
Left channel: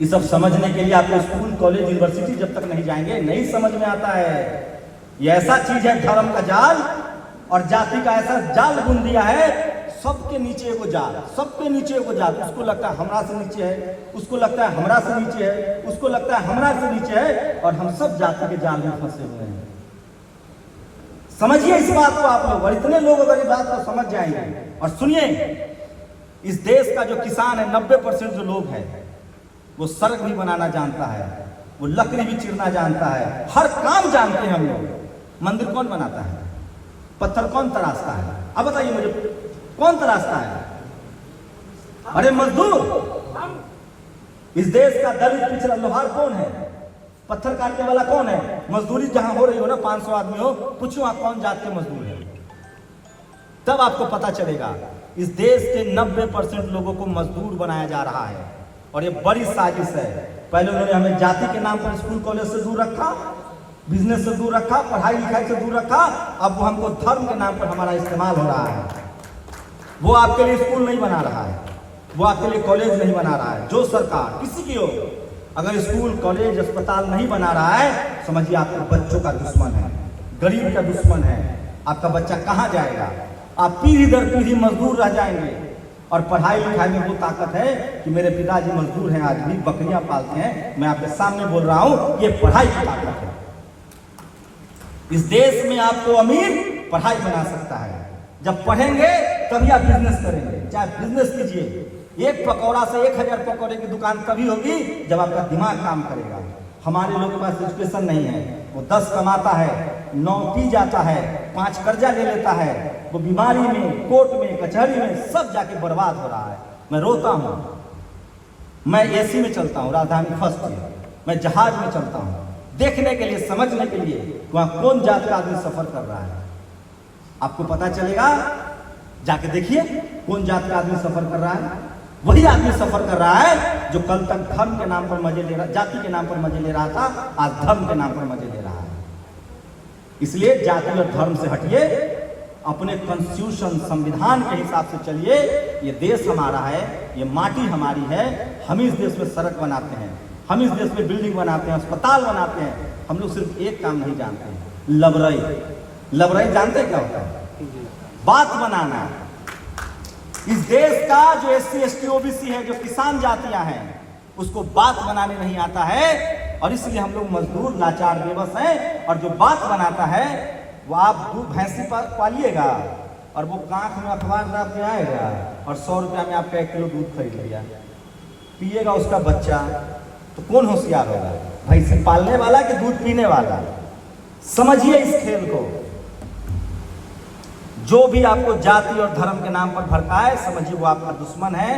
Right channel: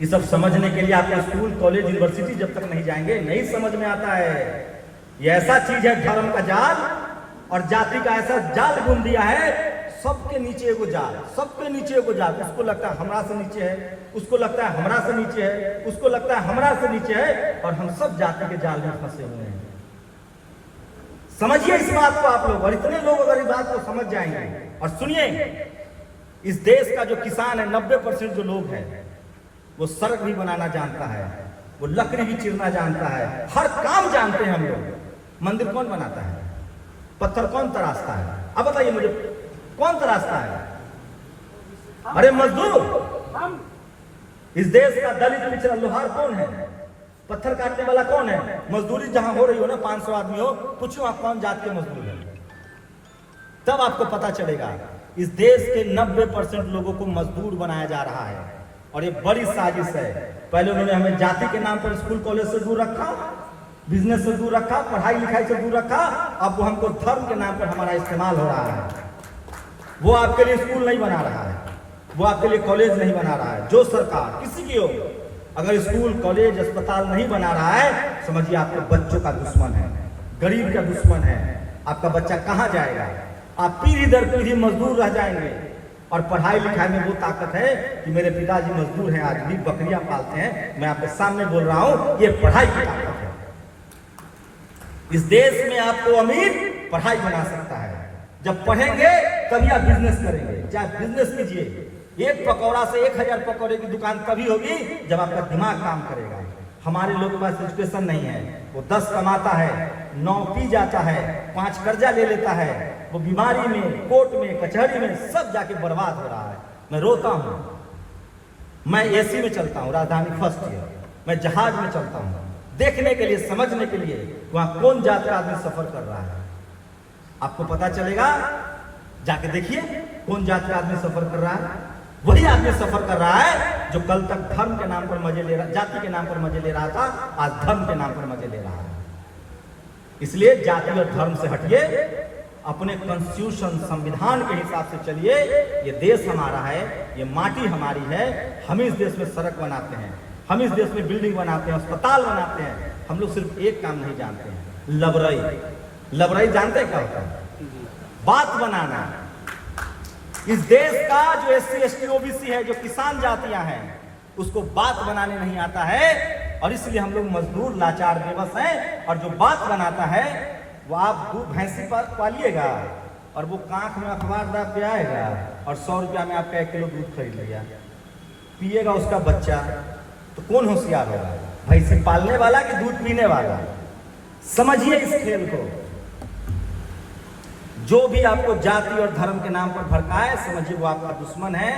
ये सब समझने के लिए आपको स्कूल, कॉलेज, यूनिवर्सिटी जब तक नहीं जाएंगे नहीं समझ में आता है। ये ऐसा चीज है धर्म का जाल और जाति का ऐसा जाल बुन दिया है। सबके नीचे एगो जाल, सबके नीचे एगो जाल। उसको लगता है हमरा से नीचे है, उसको लगता है हमरा से नीचे है, उसको लगता है हमरा से नीचे है, और हम सब जाति के जाल में फंसे हुए हैं। समझिए इस बात को आप लोग, और इतने लोग अगर इस बात को समझ जाएंगे। और सुनिए, इस देश का जो किसान है, 90% जो लोग हैं, वो सड़क भी बनाना जानता है, वो लकड़ी भी चीरना जानता है, हर काम जानते हैं हम लोग। मंदिर कौन बनाता है? पत्थर कौन तराशता है? अब बताइए मुझे, कौन तराशता है? अरे मजदूर। इस देश का दलित, पिछड़ा, लोहार कौन है? पत्थर काटने वाला कौन है? मजदूरी जहां हो रही हो ना, 500 आदमी हो, पूछो आप कौन जात के मजदूर है, तब आपको पता चलेगा। इस देश के 90% लोगों को मजदूर बनाया जा रहा है, और ये बड़ी साजिश है। पहले उन्होंने हमें जाति के नाम पर स्कूल कॉलेज से दूर रखा, बिजनेस से दूर रखा, पढ़ाई लिखाई से दूर रखा। अब वो हमको धर्म के नाम पर हमारा इस्तेमाल हो रहा है। वो आपके लिए स्कूल नहीं बना रहा है, वो आपके लिए कॉलेज नहीं बना रहा है। जो सरकार किसी की हो, अगर स्कूल, कॉलेज, अस्पताल नहीं बना रहा है, समझिए आपके बच्चों का दुश्मन है, गरीब का दुश्मन है। आपका बच्चा कहाँ जाएगा? आप पीढ़ी दर पीढ़ी मजदूर रह जाएंगे। और पढ़ाई लिखाई में वो ताकत है कि मेरे पिताजी मजदूर हैं, आज भी बकरियां पालते हैं, मैं आपके सामने बोल रहा हूं, ये पढ़ाई की ताकत है। इस देश में आपको अमीर पढ़ाई बना सकता है। जब पढ़ेंगे तभी आप बिजनेस करेंगे। चाहे बिजनेस कीजिए, एक पकौड़ा से 1000 पकौड़े की दुकान तभी होगी जब आपका दिमाग काम करेगा। हमारे लोग के पास एजुकेशन नहीं है, वो 10 कमाता है, 9 पी जाता है, 5 कर्जा ले लेता है, वो बीमारी में, कोर्ट में, कचहरी में सब जाके बर्बाद हो रहा है। मैं रोता हूँ, मैं एसी में चलता हूँ, राजधानी फर्स्ट ईयर, मैं जहाज में चलता हूँ देखने के लिए, समझने के लिए वहाँ कौन जाके आदमी सफर कर रहा है। आपको पता चलेगा, जाके देखिए कौन जात का आदमी सफर कर रहा है। वही आदमी सफर कर रहा है जो कल तक धर्म के नाम पर मजे ले रहा, जाति के नाम पर मजे ले रहा था, आज धर्म के नाम पर मजे ले रहा है। इसलिए जाति और धर्म से हटिए, अपने कॉन्स्टिट्यूशन संविधान के हिसाब से चलिए। ये देश हमारा है, ये माटी हमारी है, हम इस देश में सड़क बनाते हैं, हम इस देश में बिल्डिंग बनाते हैं, अस्पताल बनाते हैं। हम लोग सिर्फ एक काम नहीं जानते हैं, लबरई। लबरई जानते क्या होता है? बात बनाना। इस देश का जो SC ST OBC है, जो किसान जातियां हैं, उसको बात बनाने नहीं आता है, और इसलिए हम लोग मजदूर लाचार बेबस हैं। और जो बात बनाता है वो आप दूध भैंसी पालिएगा और वो कांख में अखबार दाब के आएगा और 100 रुपया में आपका 1 किलो दूध खरीद लिया, पिएगा उसका बच्चा। तो कौन होशियार होगा, भैंसी पालने वाला कि दूध पीने वाला? समझिए इस खेल को। जो भी आपको जाति और धर्म के नाम पर भड़काए, समझिए वो आपका दुश्मन है।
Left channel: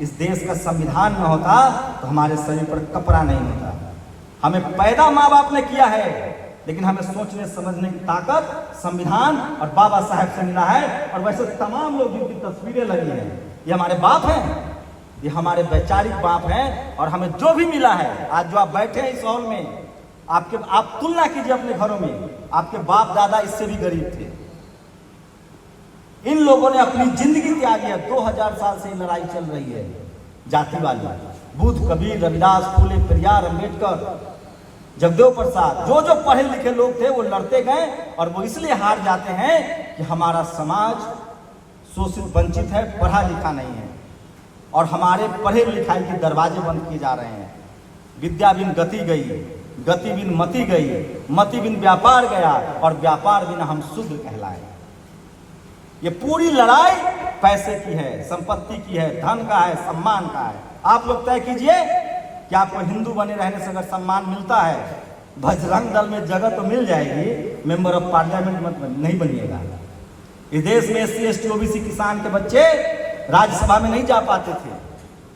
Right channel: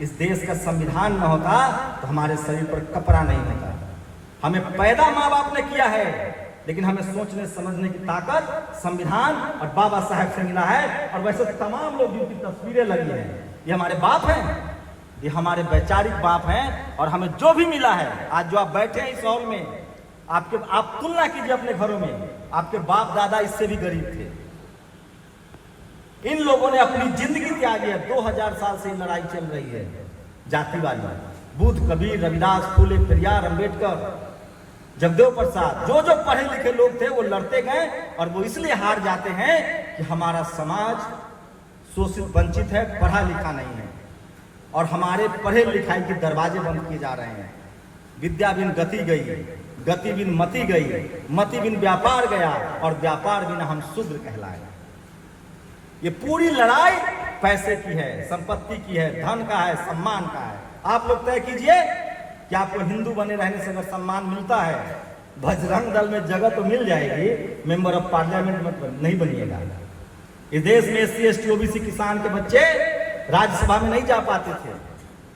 इस देश का संविधान न होता तो हमारे शरीर पर कपड़ा नहीं होता। हमें पैदा माँ बाप ने किया है, लेकिन हमें सोचने समझने की ताकत संविधान और बाबा साहब से मिला है। और वैसे तमाम लोग जिनकी तस्वीरें लगी हैं, ये हमारे बाप हैं, ये हमारे वैचारिक बाप हैं। और हमें जो भी मिला है, आज जो आप बैठे हैं इस हॉल में, आप तुलना कीजिए अपने घरों में, आपके बाप दादा इससे भी गरीब थे। इन लोगों ने अपनी जिंदगी त्यागी है। 2000 साल से लड़ाई चल रही है जातिवादी। बुद्ध, कबीर, रविदास, फूले, पेरियार, अंबेडकर, जगदेव प्रसाद, जो जो पढ़े लिखे लोग थे वो लड़ते गए। और वो इसलिए हार जाते हैं कि हमारा समाज शोषित वंचित है, पढ़ा लिखा नहीं है, और हमारे पढ़े लिखाई के दरवाजे बंद किए जा रहे हैं। विद्या बिन गति गई, गति बिन मति गई, मति बिन व्यापार गया, और व्यापार बिना हम शूद्र कहलाए। ये पूरी लड़ाई पैसे की है, संपत्ति की है, धन का है, सम्मान का है। आप लोग तय कीजिए कि आपको हिंदू बने रहने से अगर सम्मान मिलता है, बजरंग दल में जगह तो मिल जाएगी, मेंबर ऑफ पार्लियामेंट मत नहीं बनिएगा। इस देश में SC ST OBC किसान के बच्चे राज्यसभा में नहीं जा पाते थे।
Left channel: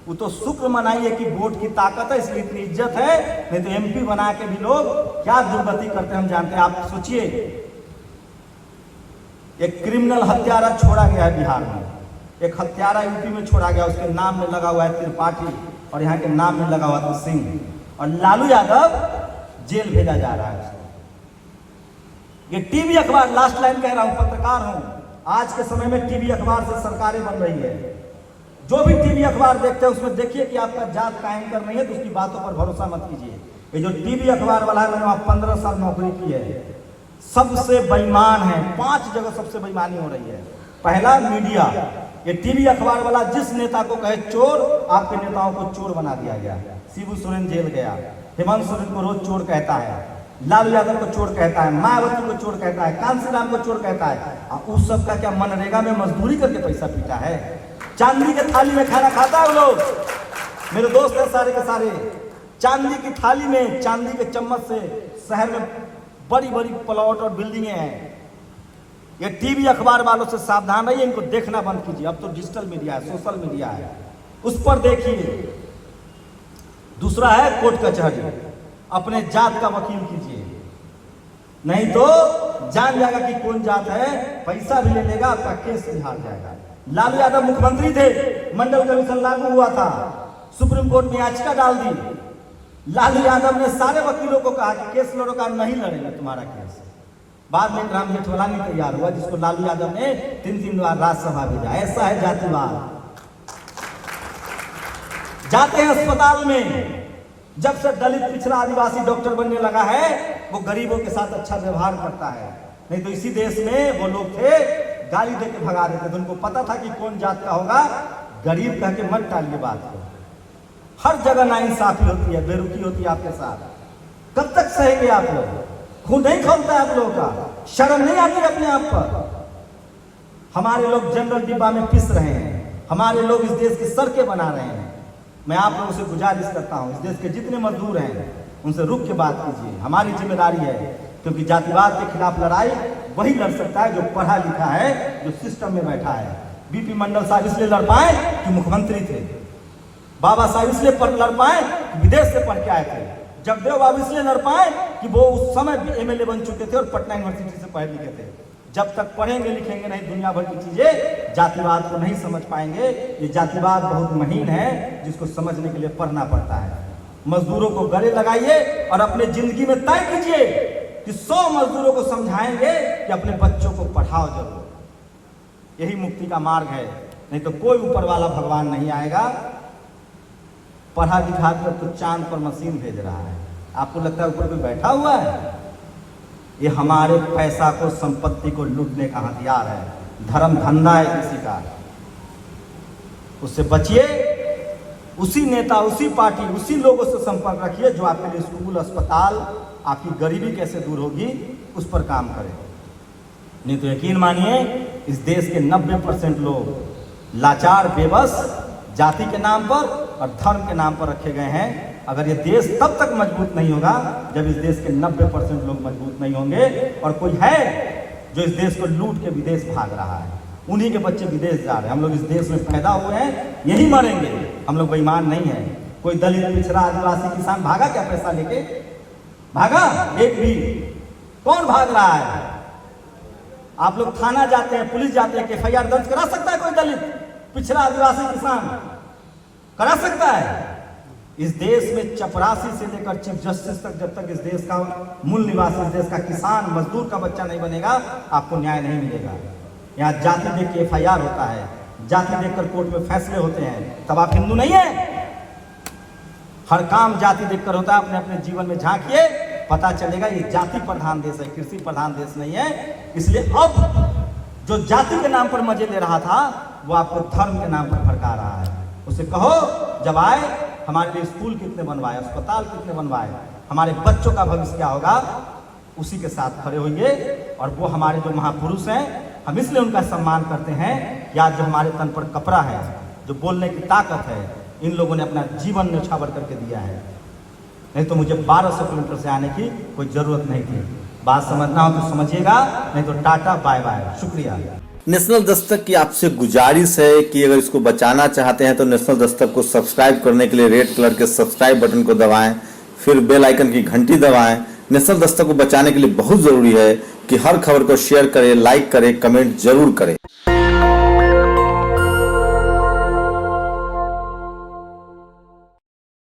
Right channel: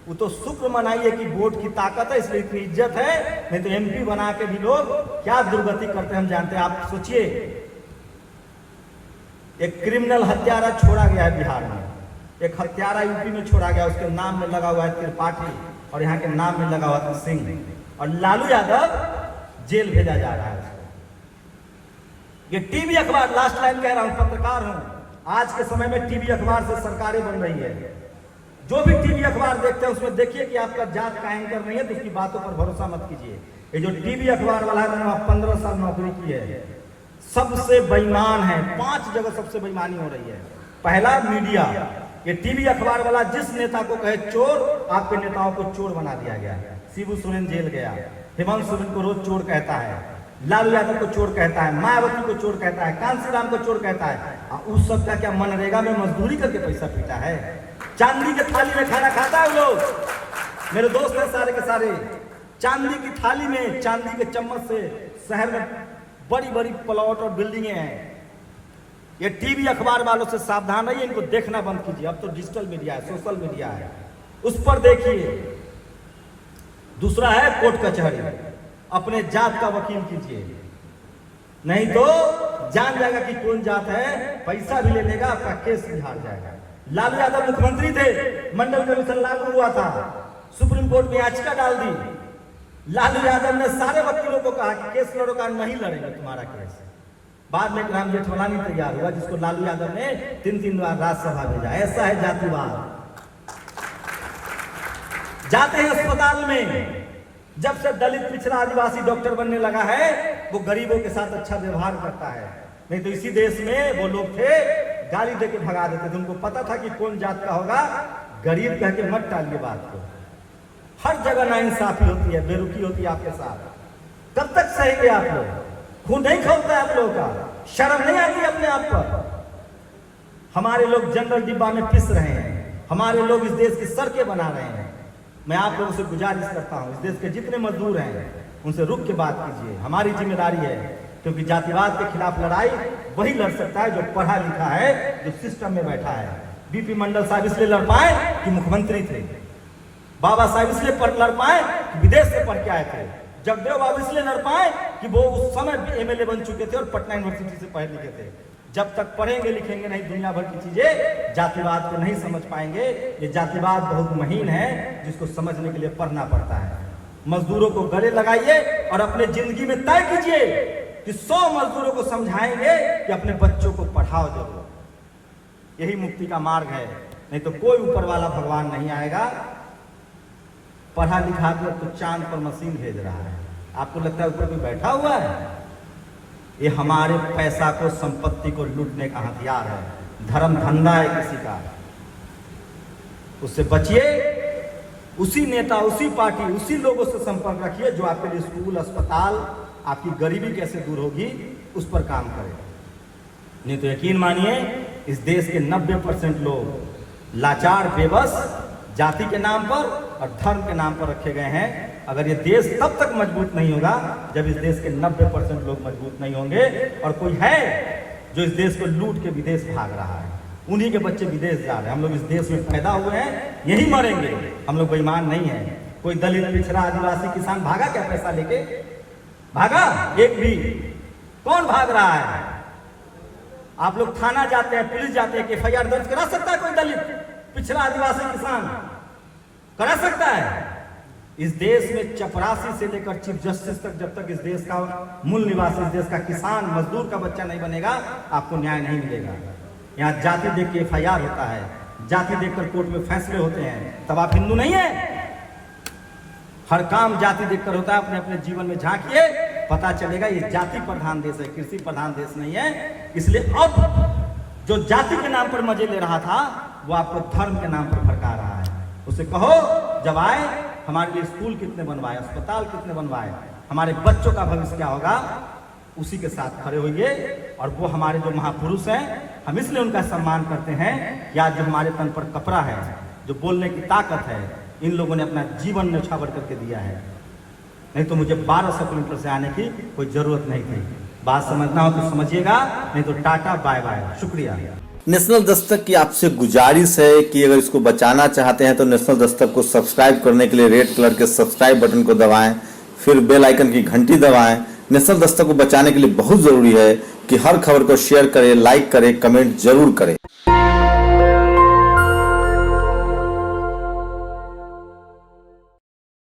वो तो शुक्र मनाइए कि वोट की ताकत है, इसलिए इतनी इज्जत है। नहीं तो MP बना के भी लोग क्या दुर्गति करते हैं हम जानते हैं। आप सोचिए, एक क्रिमिनल हत्यारा छोड़ा गया है बिहार में, एक हत्यारा यूपी में छोड़ा गया, उसके नाम में लगा हुआ है त्रिपाठी और यहाँ के नाम में लगा हुआ था सिंह, और लालू यादव जेल भेजा जा रहा है उसको। ये टीवी अखबार, लास्ट लाइन कह रहा हूं, पत्रकार हूं, आज के समय में टीवी अखबार से सरकारें बन रही है। जो भी टीवी अखबार देखते हैं उसमें देखिए कि आपका जात का एंकर नहीं है तो उसकी बातों पर भरोसा मत कीजिए। ये जो टीवी अखबार वाला है, मैंने वहां 15 साल नौकरी की है, सबसे बेईमान है। 5 जगह सबसे बेईमानी हो रही है। पहला, मीडिया। ये टीवी अखबार वाला जिस नेता को कहे चोर, आपके नेताओं को चोर बना दिया गया। शिबू सोरेन जेल गया, हेमंत सोरेन को रोज चोर कहता है, लालू यादव को चोर कहता है, मायावती को चोर कहता है, कांसीराम को चोर कहता है। उस सब का क्या मनरेगा में मजदूरी करके पैसा पीता है? चांदी के थाली में खाना खाता है वो लोग। मेरे दोस्त हैं सारे के सारे, चांदी की थाली में, चांदी के चम्मच से शहर में बड़ी बड़ी प्लॉट और बिल्डिंगें हैं। ये टीवी अखबार वालों से सावधान रहिए, इनको देखना बंद कीजिए। अब तो डिजिटल मीडिया है, सोशल मीडिया है, उस पर देखिए। दूसरा है कोर्ट कचहरी, अपने जात का वकील कीजिए, नहीं तो जान जाएगा कि कौन जात है, पैसा भी ले लेगा, आपका केस भी हार जाएगा। लालू यादव मुख्यमंत्री थे, मंडल कमीशन लागू हुआ था, सुप्रीम कोर्ट में याचिका डाल दी। लालू यादव ने सारे वकीलों को कहा कि केस लड़ो, का नहीं लड़ेगा तुम्हारा केस। बाद में राम जेठमलानी तैयार हुआ, जिसको लालू यादव ने 3 बार राज्यसभा भेजा। ऐसा है जातिवाद। जाते हैं अस्पताल में, जब से दलित पिछड़ा आदिवासी डॉक्टर बनने लगा है, वो गरीबों के साथ अच्छा व्यवहार करता है। नहीं तो इसी देश में वो लोग थे, गाली देके भगा देते थे। उनको पता था कि कौन जात का होगा। गरीब कह के मत टालिए बात को। हर जगह नाइंसाफी होती है, बेरुखी होती है आपके साथ। कब तक सहेंगे आप लोग? खून नहीं खोलता है आप लोगों का? शर्म नहीं आती अपने आप पर? हमारे लोग जनरल डिब्बा में पिस रहे हैं, हमारे लोग इस देश की सड़कें बना रहे हैं। मैं आप लोगों से गुजारिश करता हूँ, इस देश के जितने मजदूर हैं उनसे रुक के बात कीजिए। हमारी जिम्मेदारी है, क्योंकि जातिवाद के खिलाफ लड़ाई वही लड़ सकता है जो पढ़ा लिखा है, जो सिस्टम में बैठा है। बीपी मंडल साहब इसलिए लड़ पाए कि मुख्यमंत्री थे। बाबा साहब इसलिए लड़ पाए कि विदेश से पढ़ के आए थे। जगदेव बाबू इसलिए लड़ पाए कि वो उस समय एमएलए बन चुके थे और पटना यूनिवर्सिटी से पढ़े लिखे थे। जब तक पढ़ेंगे लिखेंगे नहीं दुनिया भर की चीजें, जातिवाद को नहीं समझ पाएंगे। ये जातिवाद बहुत महीन है, जिसको समझने के लिए पढ़ना पड़ता है। मजदूरों को गले लगाइए और अपने जिंदगी में तय कीजिए कि 100 मजदूरों को समझाएंगे कि अपने बच्चों को पढ़ाओ जरूर। यही मुक्ति का मार्ग है, नहीं तो कोई ऊपर वाला भगवान नहीं आएगा। पढ़ा लिखा कर तो चांद पर मशीन भेज रहा है, आपको लगता है ऊपर कोई बैठा हुआ है? ये हमारे पैसा को, संपत्ति को लूटने का हथियार है, धर्म धंधा है किसी का। उससे बचिए। उसी नेता, उसी पार्टी, उसी लोगों से संपर्क रखिए जो आपके लिए स्कूल, अस्पताल, आपकी गरीबी कैसे दूर होगी उस पर काम करें। नहीं तो यकीन मानिए इस देश के 90% लोग लाचार, बेबस, जाति के नाम पर और धर्म के नाम पर रखे गए हैं। अगर ये देश तब तक मजबूत नहीं होगा जब इस देश के 90% लोग मजबूत नहीं होंगे। और कोई है जो इस देश को लूट के विदेश भाग रहा है, उन्हीं के बच्चे विदेश जा रहे हैं। हम लोग इस देश में पैदा हुए हैं, यही मरेंगे। हम लोग बेईमान नहीं है। कोई दलित, पिछड़ा, आदिवासी, किसान भागा क्या पैसा लेके? भागा? एक भी कौन भाग रहा है? आप लोग थाना जाते हैं, पुलिस जाते हैं, FIR दर्ज करा सकता है कोई दलित, पिछड़ा, आदिवासी, किसान? करा सकता है? इस देश में चपरासी से लेकर चीफ जस्टिस तक, जब तक इस देश का मूल निवासी, इस देश का किसान, मजदूर का बच्चा नहीं बनेगा, आपको न्याय नहीं मिलेगा। यहाँ जाति देख के FIR होता है, जाति देखकर कोर्ट में फैसले होते हैं, तब आप हिंदू नहीं है। हर काम जाति देखकर होता है। अपने अपने जीवन में झांकिए, पता चलेगा ये जाति प्रधान देश है, कृषि प्रधान देश नहीं है। इसलिए अब जो जाति के नाम पर मजे ले रहा था वो आपको धर्म के नाम पर भड़का रहा है। उसे कहो जब आए हमारे लिए स्कूल कितने बनवाए, अस्पताल कितने बनवाए, हमारे बच्चों का भविष्य क्या होगा, उसी के साथ खड़े होइए। और वो हमारे जो महापुरुष हैं, हम इसलिए उनका सम्मान करते हैं कि आज जो हमारे तन पर कपड़ा है, जो बोलने की ताकत है, इन लोगों ने अपना जीवन न्यौछावर करके दिया है। नहीं तो मुझे 1200 किलोमीटर से आने की कोई जरूरत नहीं थी। बात समझना हो तो समझिएगा, नहीं तो टाटा बाय बाय, शुक्रिया। नेशनल दस्तक की आपसे गुजारिश है कि अगर इसको बचाना चाहते हैं तो नेशनल दस्तक को सब्सक्राइब करने के लिए रेड कलर के सब्सक्राइब बटन को दबाएं, फिर बेल आइकन की घंटी दबाएं। नेशनल दस्तक को बचाने के लिए बहुत जरूरी है कि हर खबर को शेयर करें, लाइक करें, कमेंट जरूर करें।